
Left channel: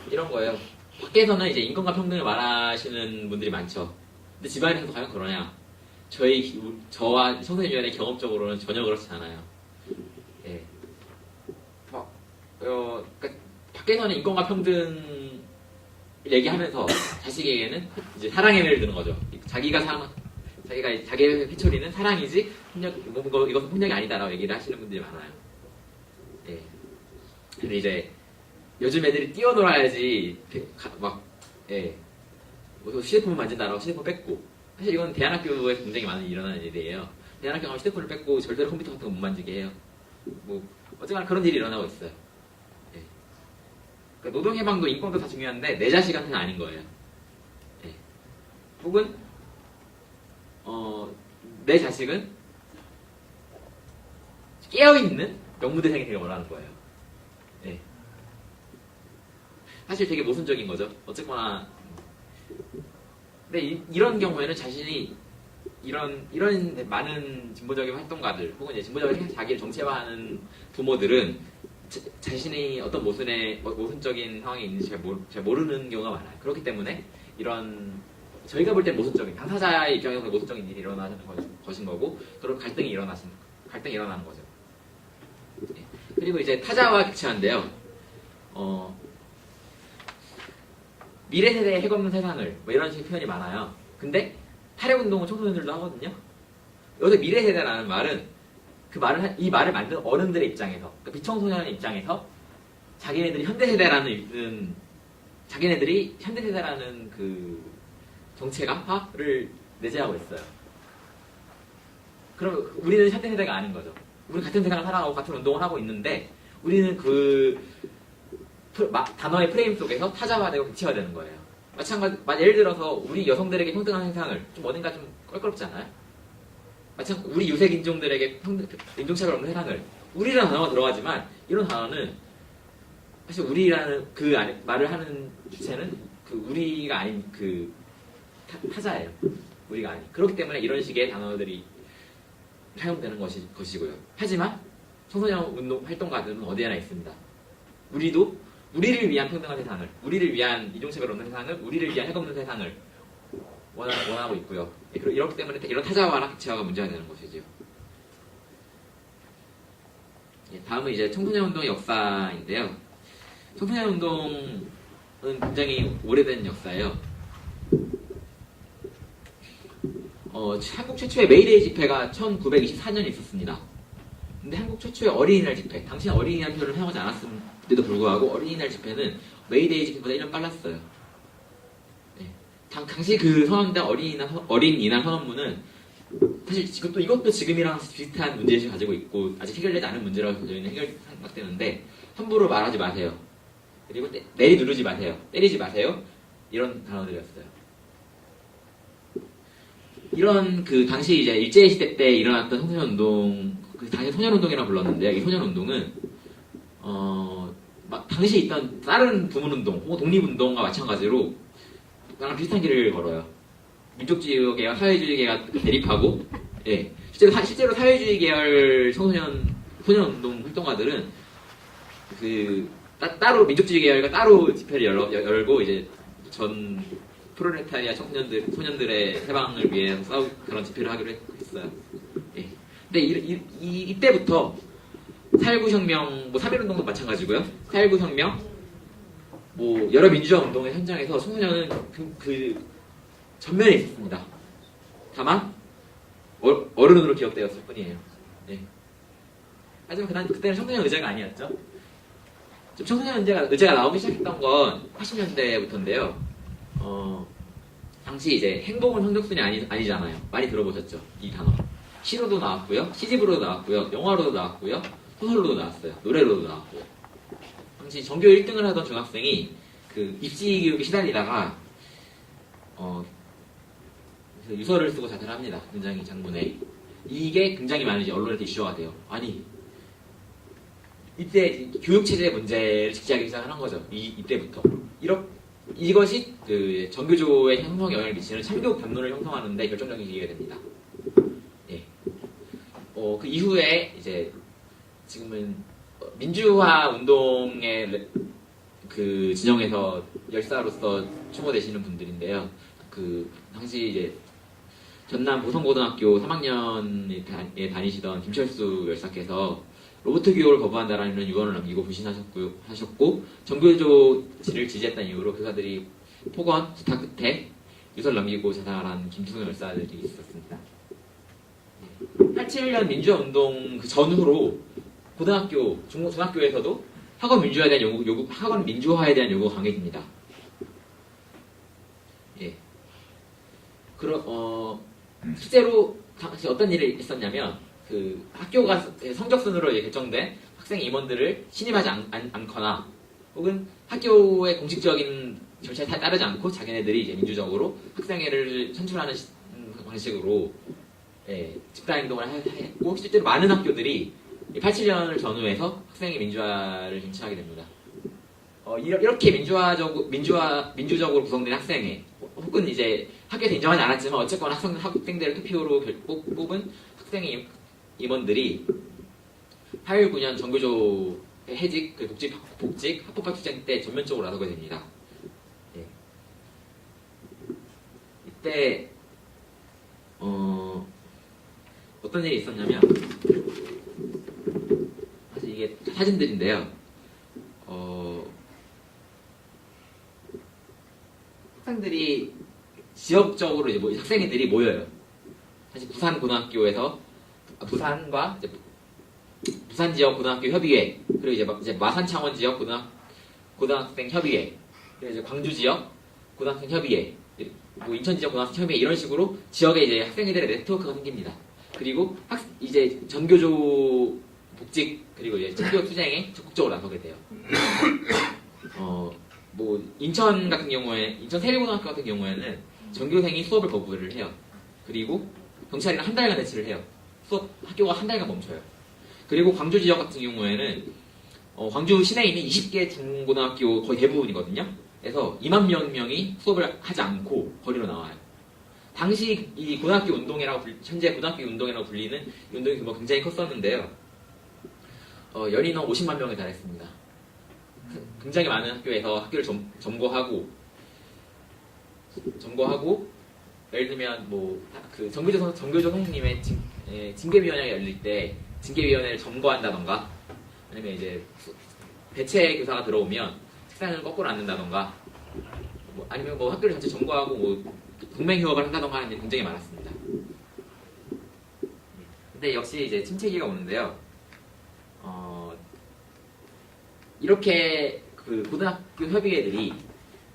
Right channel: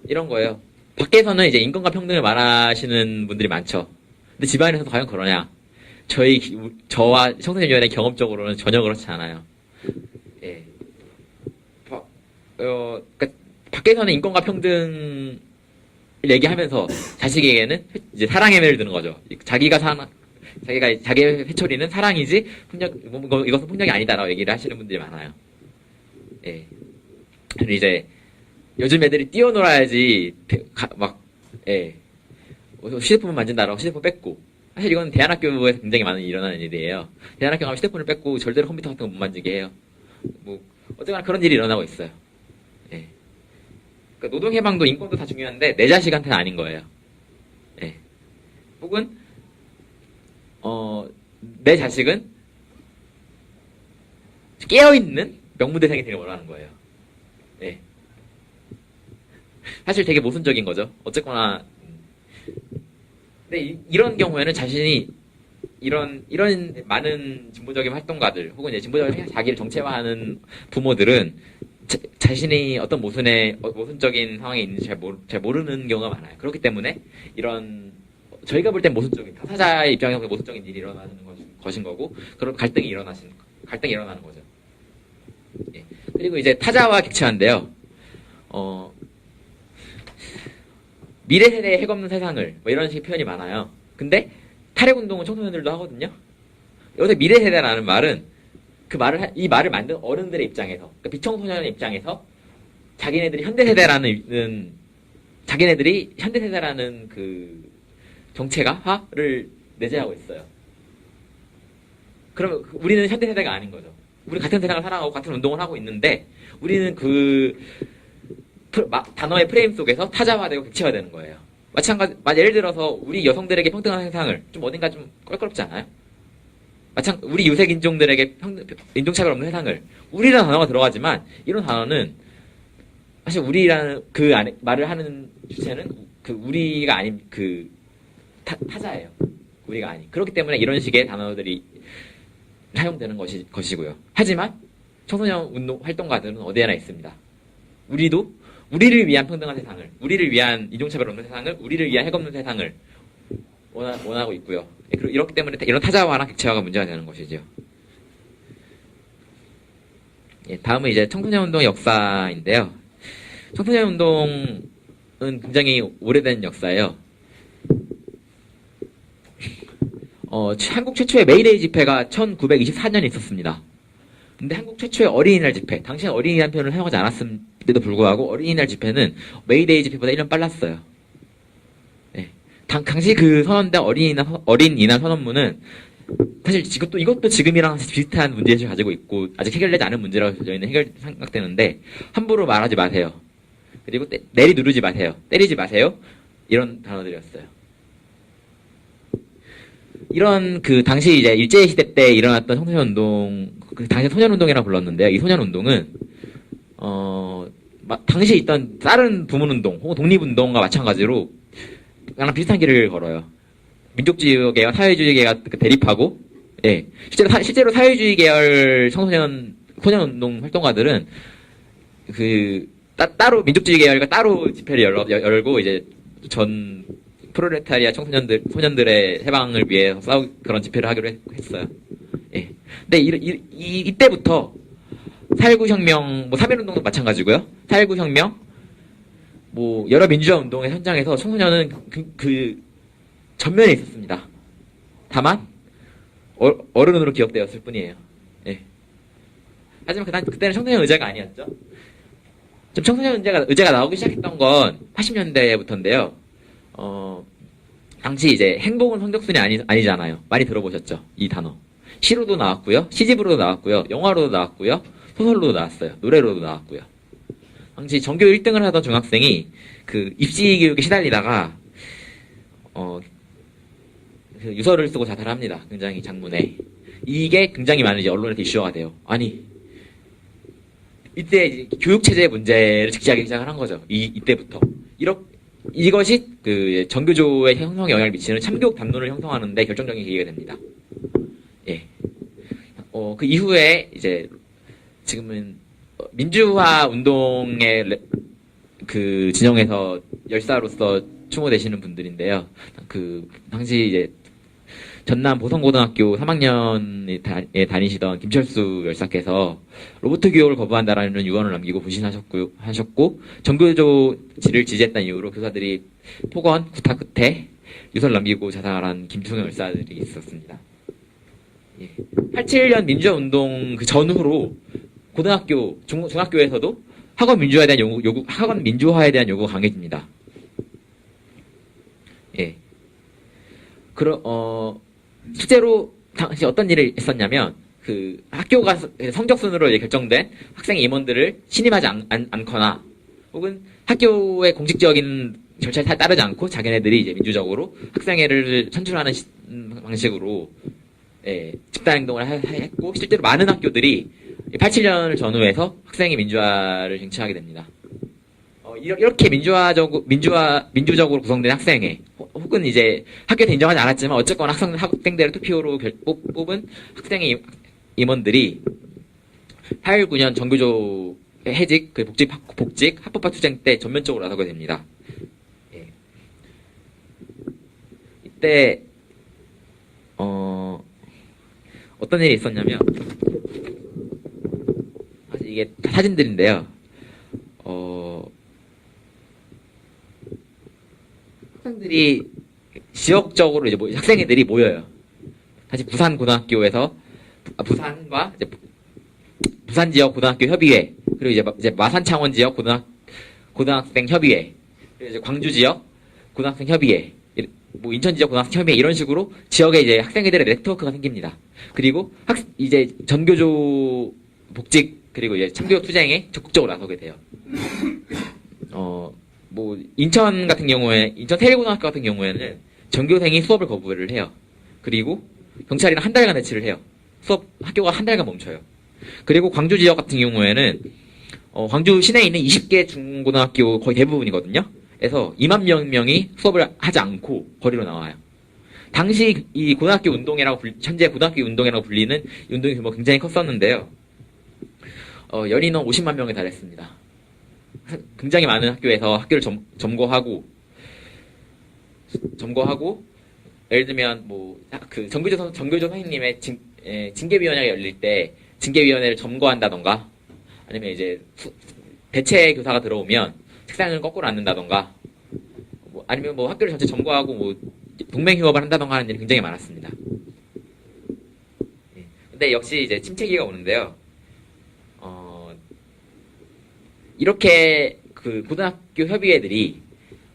이런 거예요. 밖에서는 이제 인권과 평등을 말하시는 분들이 많죠. 근데 집안에서 과연 그러냐? 저와 청소년위원회 경험적으로는 전혀 그렇지 않아요. 예. 그러니까 밖에서는 인권과 평등 얘기하면서 자식에게는 이제 사랑의 매를 드는 거죠. 자기의 회초리는 사랑이지 이것은 폭력이 아니다라고 얘기를 하시는 분들이 많아요. 예. 근데 이제 요즘 애들이 뛰어놀아야지 예. 휴대폰을 만진다라고 휴대폰 뺏고, 사실 이건 대안학교에서 굉장히 많은 일어나는 일이에요. 대안학교 가면 휴대폰을 뺏고 절대로 컴퓨터 같은 거 못 만지게 해요. 어쨌거나 그런 일이 일어나고 있어요. 예. 그러니까 노동해방도 인권도 다 중요한데 내 자식한테는 아닌 거예요. 예. 혹은 내 자식은 깨어있는 명무대생이 되길 원하는 거예요. 예. 사실 되게 모순적인 거죠. 어쨌거나. 근데 이런 경우에는 자신이 이런 많은 진보적인 활동가들 혹은 이제 진보적인 자기를 정체화하는 부모들은 자신이 어떤 모순적인 상황에 있는지 잘 모르는 경우가 많아요. 그렇기 때문에 저희가 볼 땐 모순적인, 당사자의 입장에서 모순적인 일이 일어나는 것인 거고, 그런 갈등이 일어나는 거죠. 예. 그리고 이제 타자와 객체화인데요. 미래 세대의 핵없는 세상을 이런 식의 표현이 많아요. 근데 탈핵운동은 청소년들도 하거든요. 여기서 미래 세대라는 말은 이 말을 만든 어른들의 입장에서, 그러니까 비청소년의 입장에서 자기네들이 현대세대라는 그 정체가를 내재하고 있어요. 그럼 우리는 현대세대가 아닌 거죠. 우리는 같은 세상을 살아가고 같은 운동을 하고 있는데 우리는 단어의 프레임 속에서 타자화되고 객체화되는 거예요. 예를 들어서 우리 여성들에게 평등한 세상을 좀 어딘가 좀 껄끄럽지 않아요? 우리 유색 인종들에게 인종차별 없는 세상을 우리라는 단어가 들어가지만 이런 단어는 사실 우리라는 말을 하는 주체는 우리가 아닌 타자예요. 우리가 아닌. 그렇기 때문에 이런 식의 단어들이 사용되는 것이고요. 하지만 청소년 운동 활동가들은 어디에나 있습니다. 우리를 위한 평등한 세상을, 우리를 위한 인종차별 없는 세상을, 우리를 위한 핵 없는 세상을 원하고 있고요. 이렇기 때문에 이런 타자화나 객체화가 문제가 되는 것이죠. 다음은 이제 청소년 운동의 역사인데요. 청소년 운동은 굉장히 오래된 역사예요. 한국 최초의 메이데이 집회가 1924년에 있었습니다. 근데 한국 최초의 어린이날 집회, 당시엔 어린이라는 표현을 사용하지 않았음에도 불구하고 어린이날 집회는 메이데이 집회보다 1년 빨랐어요. 당시 그 선언된 어린이날 선언문은 사실 이것도 지금이랑 비슷한 문제의식을 가지고 있고 아직 해결되지 않은 문제라고 저희는 생각되는데 함부로 말하지 마세요. 그리고 내리누르지 마세요. 때리지 마세요. 이런 단어들이었어요. 이런 당시 이제 일제시대 때 일어났던 청소년운동, 당시 소년운동이라고 불렀는데요. 이 소년운동은 당시 있던 다른 부문운동 혹은 독립운동과 마찬가지로 그냥 비슷한 길을 걸어요. 민족주의계와 사회주의 계가 대립하고, 실제로 사회주의 계열 소년운동 활동가들은 따로 민족주의 계열과 따로 집회를 열고 이제 전 프롤레타리아 소년들의 해방을 위해 그런 집회를 하기로 했어요. 근데 이때부터 4.19 혁명, 3.1운동도 마찬가지고요. 4.19 혁명, 여러 민주화 운동의 현장에서 청소년은 전면에 있었습니다. 다만 어른으로 기억되었을 뿐이에요. 하지만 그때는 청소년 의제가 아니었죠. 청소년 의제가 나오기 시작했던 건 80년대부터인데요. 당시 이제 행복은 성적순이 아니잖아요. 많이 들어보셨죠? 이 단어. 시로도 나왔고요, 시집으로도 나왔고요, 영화로도 나왔고요, 소설로도 나왔어요, 노래로도 나왔고요. 당시 전교 1등을 하던 중학생이 입시 교육에 시달리다가 유서를 쓰고 자살합니다. 굉장히 장문에. 이게 굉장히 많은 이제 언론에서 이슈가 돼요. 아니, 이때 교육체제 문제를 직시하기 시작한 거죠. 이때부터. 이것이 전교조의 형성에 영향을 미치는 참교육 담론을 형성하는데 결정적인 계기가 됩니다. 그 이후에 이제 지금은 민주화 운동의 진영에서 열사로서 추모되시는 분들인데요. 당시 이제 전남 보성고등학교 3학년에 다니시던 김철수 열사께서 로봇 교육을 거부한다라는 유언을 남기고 부신하셨고 전교조를 지지했다는 이유로 교사들이 폭언, 구타 끝에 유서를 남기고 자살한 김승현 열사들이 있었습니다. 87년 민주화 운동 전후로 고등학교, 중학교에서도 학원 민주화에 대한 요구가 강해집니다. 실제로 당시 어떤 일이 있었냐면 학교가 성적 순으로 결정된 학생 임원들을 신임하지 않거나 혹은 학교의 공식적인 절차에 따르지 않고 자기네들이 이제 민주적으로 학생회를 선출하는 방식으로 집단 행동을 했고 실제로 많은 학교들이 87년을 전후해서 학생의 민주화를 쟁취하게 됩니다. 이렇게 민주적으로 구성된 학생회 혹은 이제 학교에서 인정하지 않았지만 어쨌거나 학생들을 투표로 뽑은 학생의 임원들이 8.19년 전교조 해직, 복직, 합법화 투쟁 때 전면적으로 나서게 됩니다. 이때 어떤 일이 있었냐면 이게 사진들인데요. 학생들이 지역적으로 이제 학생들이 모여요. 사실 부산 고등학교에서 부산과 이제 부산 지역 고등학교 협의회, 그리고 이제 마산 창원 지역 고등학생 협의회, 그리고 이제 광주 지역 고등학생 협의회, 뭐 인천 지역 고등학생 협의회 이런 식으로 지역에 이제 학생회들의 네트워크가 생깁니다. 그리고 이제 전교조 복직 그리고 이제 참교육 투쟁에 적극적으로 나서게 돼요. 뭐 인천 같은 경우에 인천 세일고등학교 같은 경우에는 전교생이 수업을 거부를 해요. 그리고 경찰이랑 한 달간 대치를 해요. 학교가 한 달간 멈춰요. 그리고 광주 지역 같은 경우에는 광주 시내에 있는 20개 중고등학교 거의 대부분이거든요. 그래서 2만 명이 수업을 하지 않고 거리로 나와요. 당시 이 고등학교 운동이라고 현재 고등학교 운동이라고 불리는 운동이 규모가 굉장히 컸었는데요. 열인원 50만 명에 달했습니다. 굉장히 많은 학교에서 학교를 점거하고 예를 들면 뭐 그 정교조 선생님의 징계위원회가 열릴 때 징계위원회를 점거한다던가 아니면 이제 대체 교사가 들어오면 책상을 거꾸로 앉는다던가 뭐 아니면 뭐 학교를 전체 점거하고 뭐 동맹휴업을 한다던가 하는 일이 굉장히 많았습니다. 근데 역시 이제 침체기가 오는데요. 이렇게 그 고등학교 협의회들이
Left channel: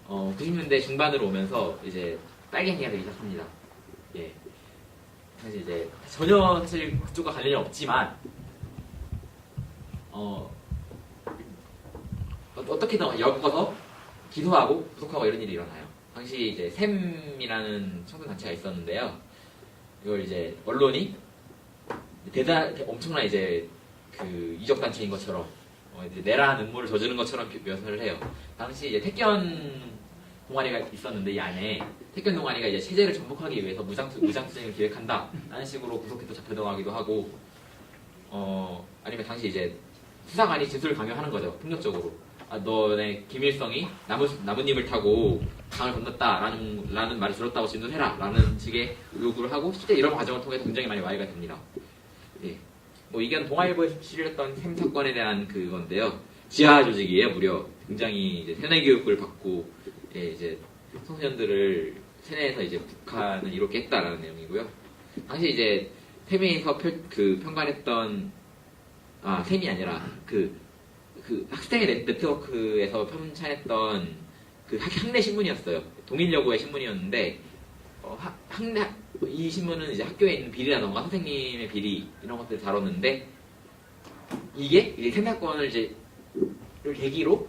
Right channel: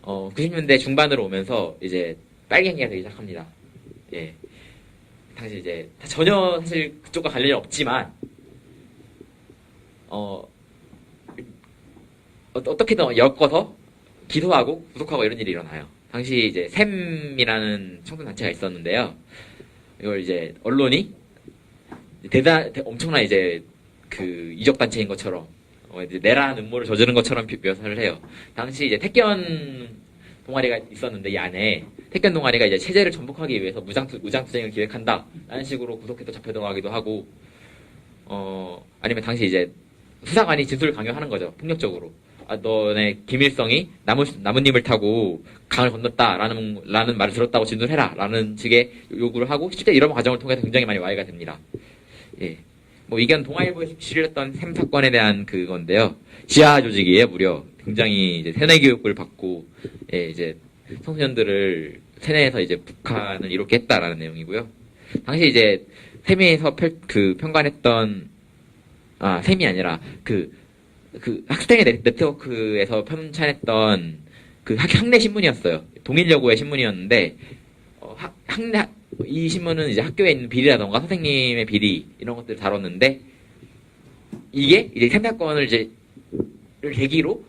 90년대 중반으로 오면서 이제 빨갱이가 되기 시작합니다. 예. 당시 이제 전혀 사실 그쪽과 관련이 없지만 어떻게든 엮어서 기소하고 구속하고 이런 일이 일어나요. 당시 이제 샘이라는 청소년 단체가 있었는데요. 이걸 이제 언론이 엄청난 이제 그 이적 단체인 것처럼 이제 내라 눈물을 저지른 것처럼 묘사를 해요. 당시 이제 택견 동아리가 있었는데 이 안에 택견 동아리가 이제 체제를 전복하기 위해서 무장투쟁을 기획한다라는 식으로 구속해서 잡혀 들어가기도 하고 아니면 당시 이제 수사관이 진술을 강요하는 거죠. 폭력적으로. 너네 김일성이 나뭇잎을 타고 강을 건넜다라는 말을 들었다고 진술해라 라는 식의 요구를 하고 실제 이런 과정을 통해서 굉장히 많이 와해가 됩니다. 예. 뭐 이건 동아일보에서 실렸던 샘 사건에 대한 그건데요. 지하 조직이에요, 무려. 굉장히 이제 세뇌 교육을 받고, 예, 이제 청소년들을 세뇌해서 이제 북한을 이렇게 했다라는 내용이고요. 당시 이제 샘에서 편관했던, 샘이 아니라 그 학생의 네트워크에서 편찬했던 그 학내 신문이었어요. 동일여고의 신문이었는데, 이 신문은 이제 학교에 있는 비리라던가 선생님의 비리 이런 것들을 다뤘는데 이게 이제 샘 사건을 이제 계기로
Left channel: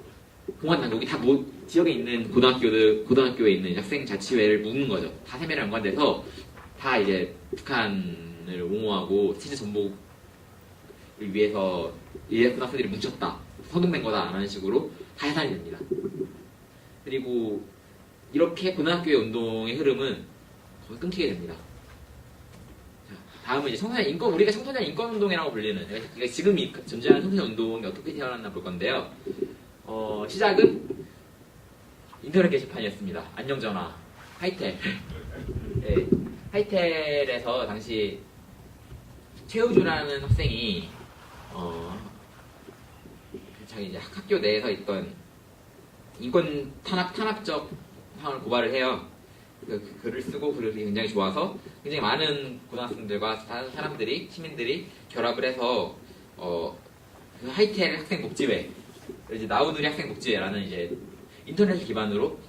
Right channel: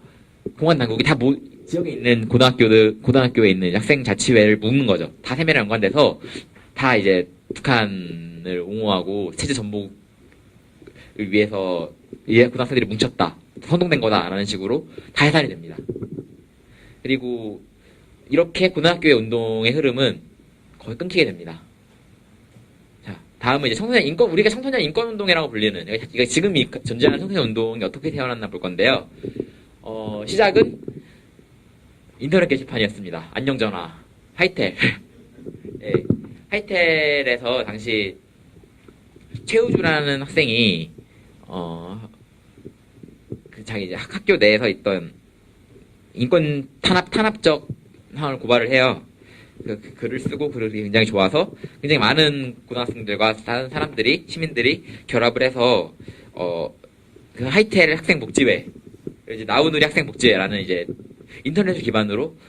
공안 당국이 다 지역에 있는 고등학교에 있는 학생 자치회를 묶는 거죠. 다 샘이랑 연관돼서 다 이제 북한을 옹호하고 체제 전복을 위해서 고등학생들이 뭉쳤다, 선동된 거다라는 식으로 다 해산이 됩니다. 그리고 이렇게 고등학교의 운동의 흐름은 거의 끊기게 됩니다. 자, 다음은 이제 우리가 청소년 인권 운동이라고 불리는, 그러니까 지금 존재하는 청소년 운동이 어떻게 태어났나 볼 건데요. 시작은 인터넷 게시판이었습니다. 안녕전화, 하이텔. 예, 하이텔에서 당시 최우주라는 학생이 자기 이제 학교 내에서 있던 인권 탄압적 상황을 고발을 해요. 그 글을 쓰고 글이 굉장히 좋아서 굉장히 많은 고등학생들과 다른 사람들이 시민들이 결합을 해서 그 하이텔 학생복지회, 이제 나우누리 학생복지회라는 이제 인터넷을 기반으로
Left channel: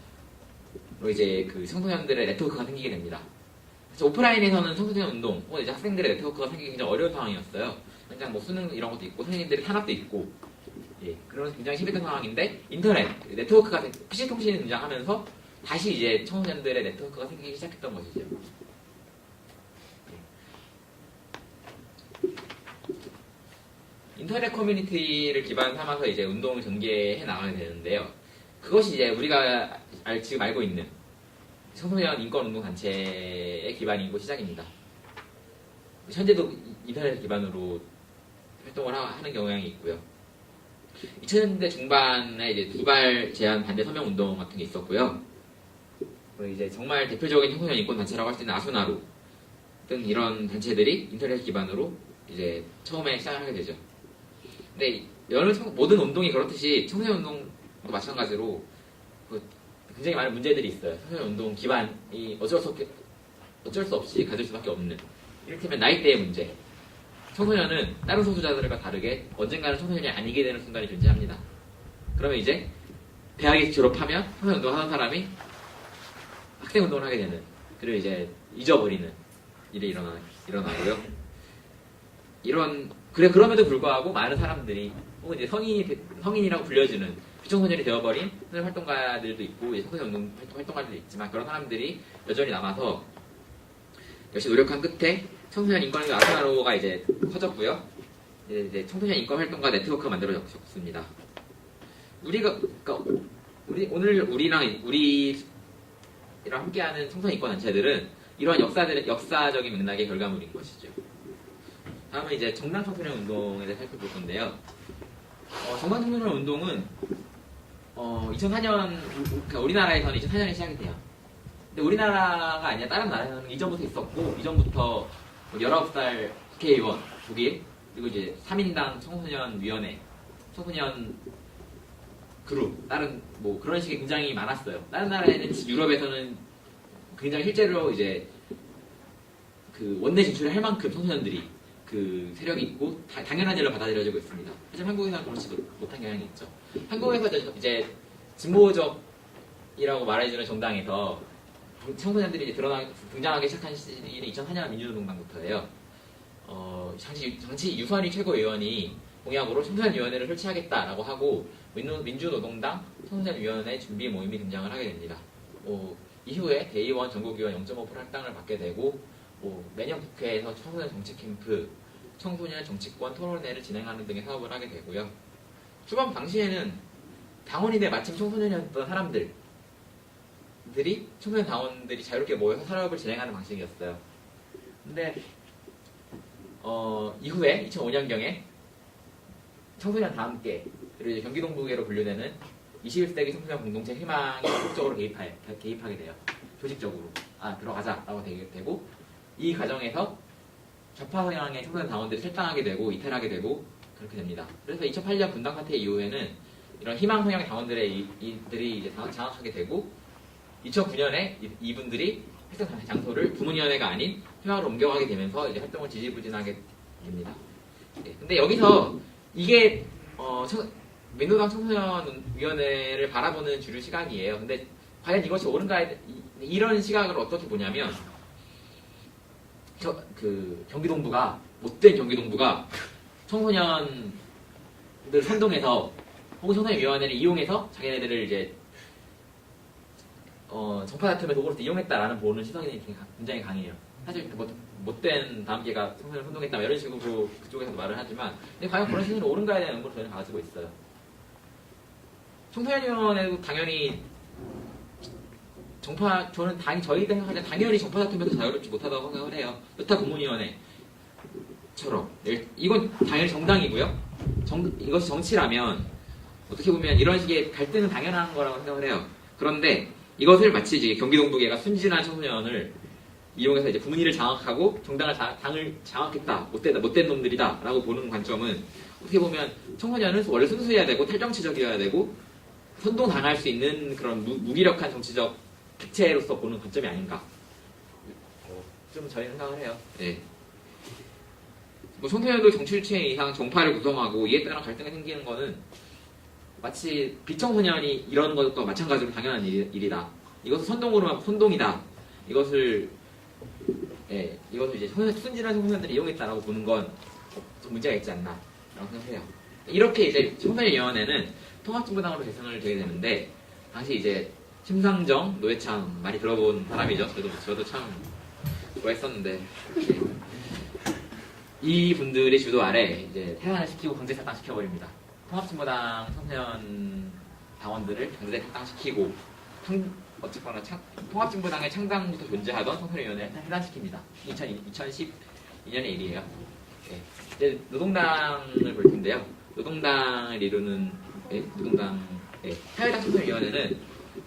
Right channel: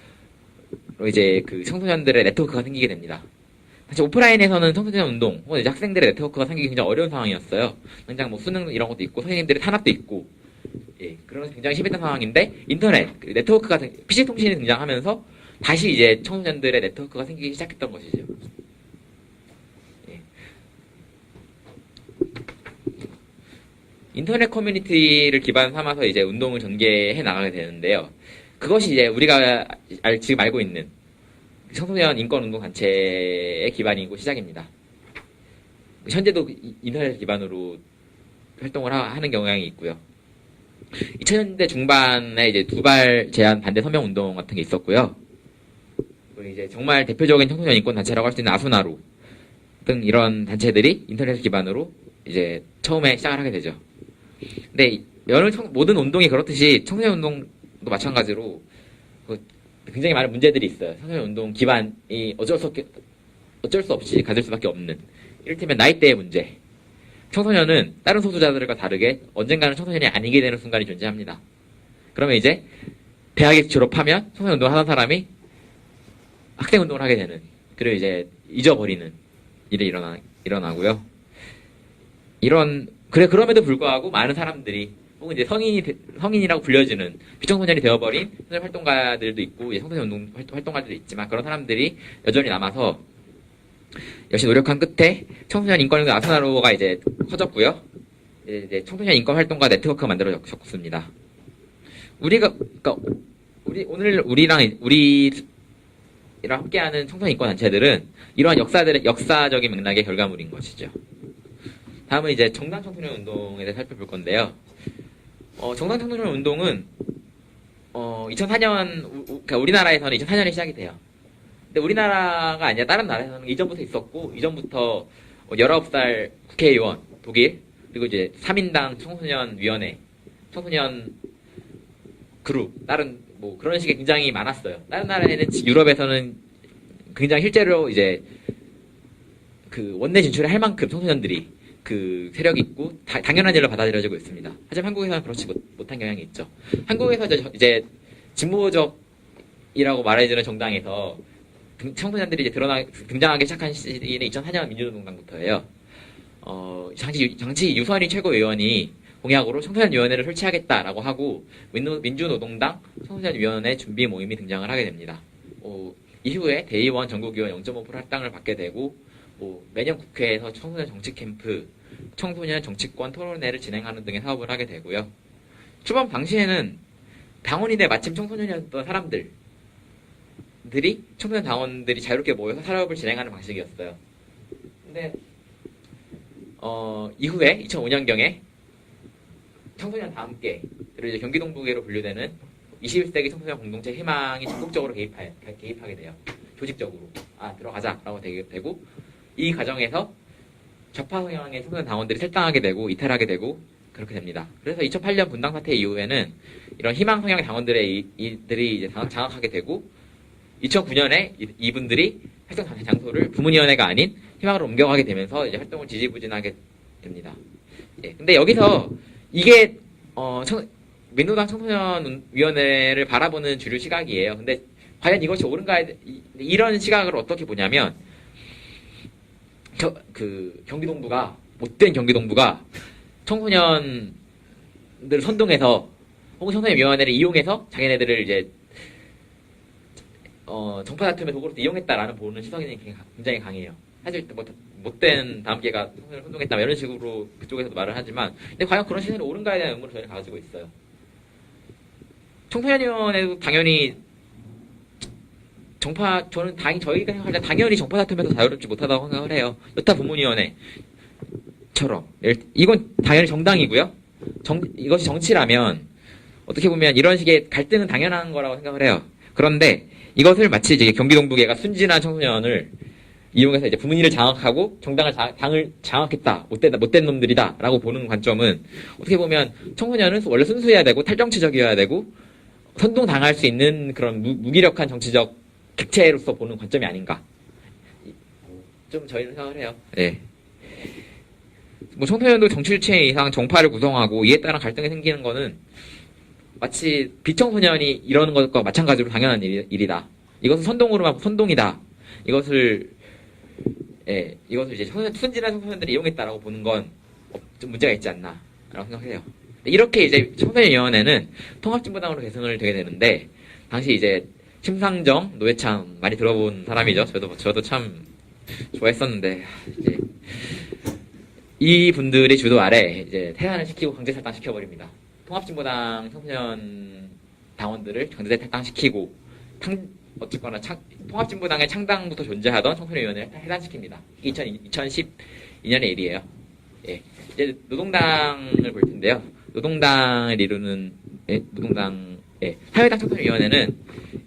이제 그 청소년들의 네트워크가 생기게 됩니다. 사실 오프라인에서는 청소년 운동 혹은 이제 학생들의 네트워크가 생기기 굉장히 어려운 상황이었어요. 당장 뭐 수능 이런 것도 있고 선생님들의 탄압도 있고, 예, 그래서 굉장히 심했던 상황인데 인터넷 네트워크가 PC 통신이 등장하면서 다시 이제 청소년들의 네트워크가 생기기 시작했던 것이죠. 예. 인터넷 커뮤니티를 기반 삼아서 이제 운동을 전개해 나가게 되는데요. 그것이 이제 우리가 지금 알고 있는 청소년 인권 운동 단체의 기반이고 시작입니다. 현재도 인터넷 기반으로 활동을 하는 경향이 있고요. 2000년대 중반에 이제 두발 제한 반대 서명 운동 같은 게 있었고요. 이제 정말 대표적인 청소년 인권 단체라고 할 수 있는 아수나루 등 이런 단체들이 인터넷 기반으로 이제 처음에 시작을 하게 되죠. 근데 모든 운동이 그렇듯이 청소년 운동도 마찬가지로 굉장히 많은 문제들이 있어요. 청소년 운동 기반이 어쩔 수 없이 가질 수밖에 없는, 이를테면 나이대의 문제, 청소년은 다른 소수자들과 다르게 언젠가는 청소년이 아니게 되는 순간이 존재합니다. 그러면 이제 대학에 졸업하면 청소년 운동을 하던 사람이 학생 운동을 하게 되는, 그리고 이제 잊어버리는 일이 일어나고요. 그럼에도 불구하고 많은 사람들이 혹은 이제 성인이라고 불려지는 비청소년이 되어버린 청소년 활동가들도 있고, 청소년 운동 활동가들도 있지만, 그런 사람들이 여전히 남아서 역시 노력한 끝에 청소년 인권 아스나로가 이제 커졌고요. 이제 청소년 인권 활동가 네트워크가 만들어졌습니다. 그러니까 오늘 우리랑 함께하는 청소년 인권 단체들은 이러한 역사적인 맥락의 결과물인 것이죠. 다음은 이제 정당 청소년 운동에 대해서 살펴볼 건데요. 정당 청소년 운동은 2004년, 그러니까 우리나라에서는 2004년에 시작이 돼요. 근데 우리나라가 아니라 다른 나라에서는 이전부터 있었고, 이전부터 19살 국회의원, 독일, 그리고 이제 3인당 청소년위원회, 청소년 그룹, 다른 뭐 그런 식의 굉장히 많았어요. 다른 나라에는, 유럽에서는 굉장히 실제로 이제 그 원내 진출을 할 만큼 청소년들이 그 세력이 있고 당연한 일로 받아들여지고 있습니다. 하지만 한국에서는 그렇지 못한 경향이 있죠. 한국에서 이제 진보적이라고 말해주는 정당에서 청소년들이 이제 등장하기 시작한 시기는 2004년 민주노동당부터예요. 당시 유선희 최고위원이 공약으로 청소년위원회를 설치하겠다라고 하고 민주노동당 청소년위원회 준비 모임이 등장을 하게 됩니다. 이후에 대의원, 전국위원 0.5% 할당을 받게 되고, 매년 국회에서 청소년 정치 캠프, 청소년 정치권 토론회를 진행하는 등의 사업을 하게 되고요. 초반 당시에는 당원인데 마침 청소년이었던 사람들이 청소년 당원들이 자유롭게 모여서 사업을 진행하는 방식이었어요. 근데 이후에 2005년경에 청소년 다 함께, 그리고 이제 경기동부계로 분류되는 21세기 청소년 공동체 희망이 적극적으로 개입하게 돼요. 조직적으로 들어가자라고 되고, 이 과정에서 좌파 성향의 청소년 당원들이 탈당하게 되고 이탈하게 되고 그렇게 됩니다. 그래서 2008년 분당 사태 이후에는 이런 희망 성향의 당원들이 이제 장악하게 되고, 2009년에 이분들이 활동 장소를 부문위원회가 아닌 희망으로 옮겨가게 되면서 이제 활동을 지지부진하게 됩니다. 근데 여기서 이게 민주당 청소년위원회를 바라보는 주류 시각이에요. 근데 과연 이것이 옳은가, 이런 시각을 어떻게 보냐면, 경기동부가, 못된 경기동부가 청소년들을 선동해서 혹은 청소년위원회를 이용해서 자기네들을 이제 정파 다툼의 도구로 이용했다라는 보는 시선이 굉장히 강해요. 사실 못된 다음계가 청소년을 선동했다 이런 식으로 그쪽에서 말을 하지만, 근데 과연 그런 시선이 옳은가에 대한 의문을 저희는 가지고 있어요. 청소년위원회도 당연히 저희가 생각할 때 당연히 정파 다툼에서 자유롭지 못하다고 생각을 해요. 여타 부문위원회처럼. 이건 당연히 정당이고요. 이것이 정치라면 어떻게 보면 이런 식의 갈등은 당연한 거라고 생각을 해요. 그런데 이것을 마치 이제 경기동부계가 순진한 청소년을 이용해서 이제 부문위를 장악하고 당을 장악했다, 못된 놈들이다라고 보는 관점은, 어떻게 보면 청소년은 원래 순수해야 되고 탈정치적이어야 되고 선동당할 수 있는 그런 무기력한 정치적 객체로서 보는 관점이 아닌가, 좀 저희는 생각을 해요. 네. 뭐 청소년도 정치주체 이상 정파를 구성하고 이에 따라 갈등이 생기는 거는 마치 비청소년이 이러는 것과 마찬가지로 당연한 일이다. 이것은 선동으로만 선동이다. 이것을 이제 순진한 청소년들이 이용했다라고 보는 건 좀 문제가 있지 않나라고 생각을 해요. 이렇게 이제 청소년위원회는 통합진보당으로 계승을 되게 되는데, 당시 이제 심상정, 노회찬 많이 들어본 사람이죠. 저도 참 좋아했었는데, 이 분들이 주도 아래 이제 퇴단을 시키고 강제 탈당시켜버립니다. 통합진보당 청소년 당원들을 강제 탈당시키고, 어쨌거나 통합진보당의 창당부터 존재하던 청소년위원회를 해산시킵니다. 2012년의 일이에요. 이제 노동당을 볼 텐데요. 노동당을 이루는 사회당 청소년위원회는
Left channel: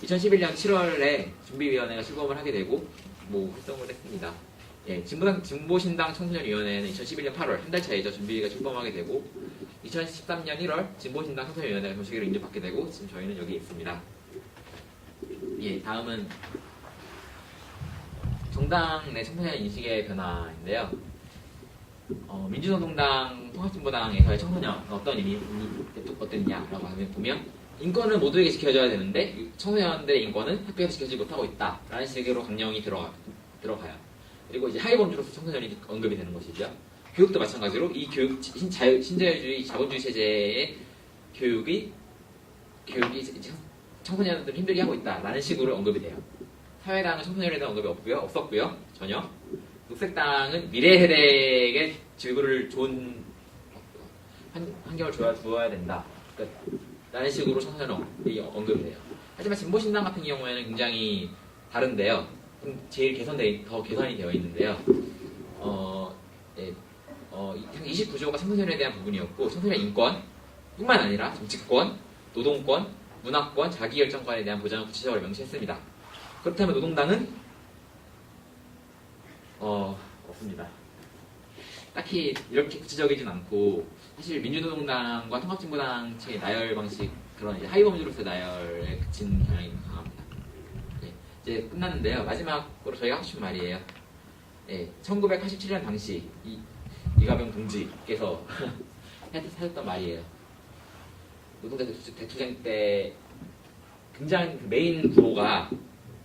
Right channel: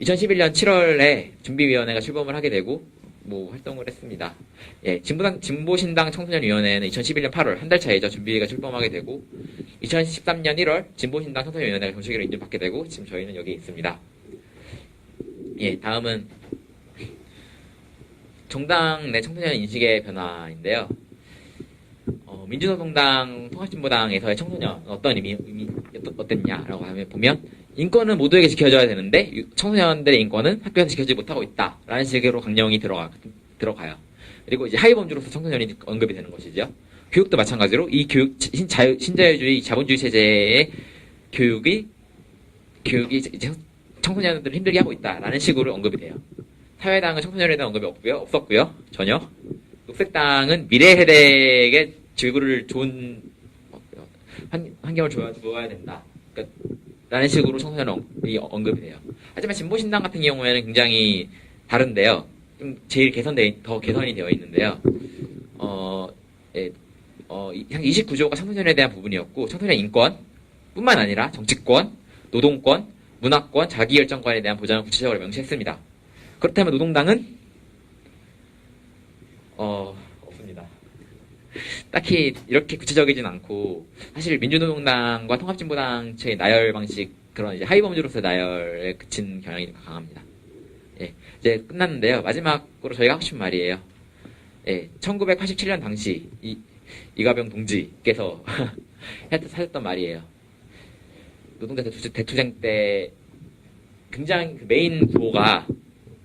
2011년 7월에 준비위원회가 출범을 하게 되고 활동을 했습니다. 진보신당 청소년위원회는 2011년 8월, 한 달 차이죠. 준비위가 출범하게 되고, 2013년 1월 진보신당 청소년위원회가 정식으로 인정받게 되고, 지금 저희는 여기 있습니다. 다음은 정당 내 청소년 인식의 변화인데요. 민주노동당, 통합진보당에서의 청소년 어떤 의미 어땠냐라고 하면 보면 인권은 모두에게 지켜져야 되는데 청소년들의 인권은 학교에서 지켜지지 못하고 있다라는 식으로 강령이 들어가요. 그리고 이제 하위범주로서 청소년이 언급이 되는 것이죠. 교육도 마찬가지로 이 교육 신자유주의 자본주의 체제의 교육이 이제 청소년들을 힘들게 하고 있다라는 식으로 언급이 돼요. 사회당은 청소년에 대한 언급이 없었고요. 전혀. 녹색당은 미래 세대에게 지구를 좋은 환경을 주어야 된다. 라는 식으로 청소년이 언급이 돼요. 하지만 진보신당 같은 경우에는 굉장히 다른데요. 좀 제일 더 개선이 되어 있는데요. 한 29조가 청소년에 대한 부분이었고 청소년 인권 뿐만 아니라 정치권, 노동권, 문화권, 자기결정권에 대한 보장을 구체적으로 명시했습니다. 그렇다면 노동당은 없습니다. 딱히 이렇게 구체적이진 않고 사실 민주노동당과 통합진보당 측의 나열 방식 그런 이제 하위범주로서의 나열에 그친 경향이 강합니다. 예, 이제 끝났는데요. 마지막으로 저희가 하고 싶은 말이에요. 예, 1987년 당시 이가병 동지께서 하셨던 말이에요. 노동자 대투쟁 때 굉장히 메인 구호가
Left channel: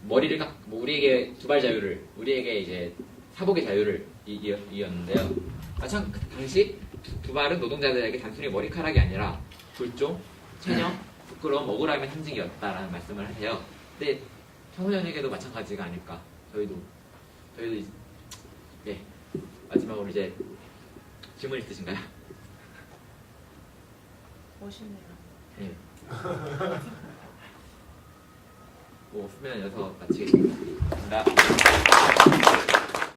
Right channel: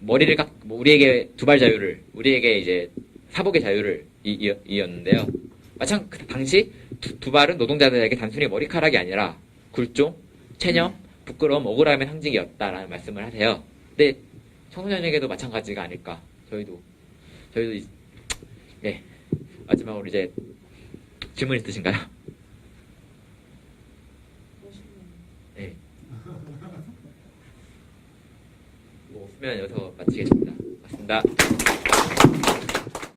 머리를 우리에게 두발 자유를, 우리에게 이제 사복의 자유를 이었는데요. 마찬가지 그 당시 두 발은 노동자들에게 단순히 머리카락이 아니라 굴종, 체념, 부끄러움, 억울함의 상징이었다라는 말씀을 하세요. 근데 청소년에게도 마찬가지가 아닐까. 저희도 네, 마지막으로 이제 질문 있으신가요? 멋있네요. 네. 뭐 없으면 여기서 마치겠습니다. 감사합니다.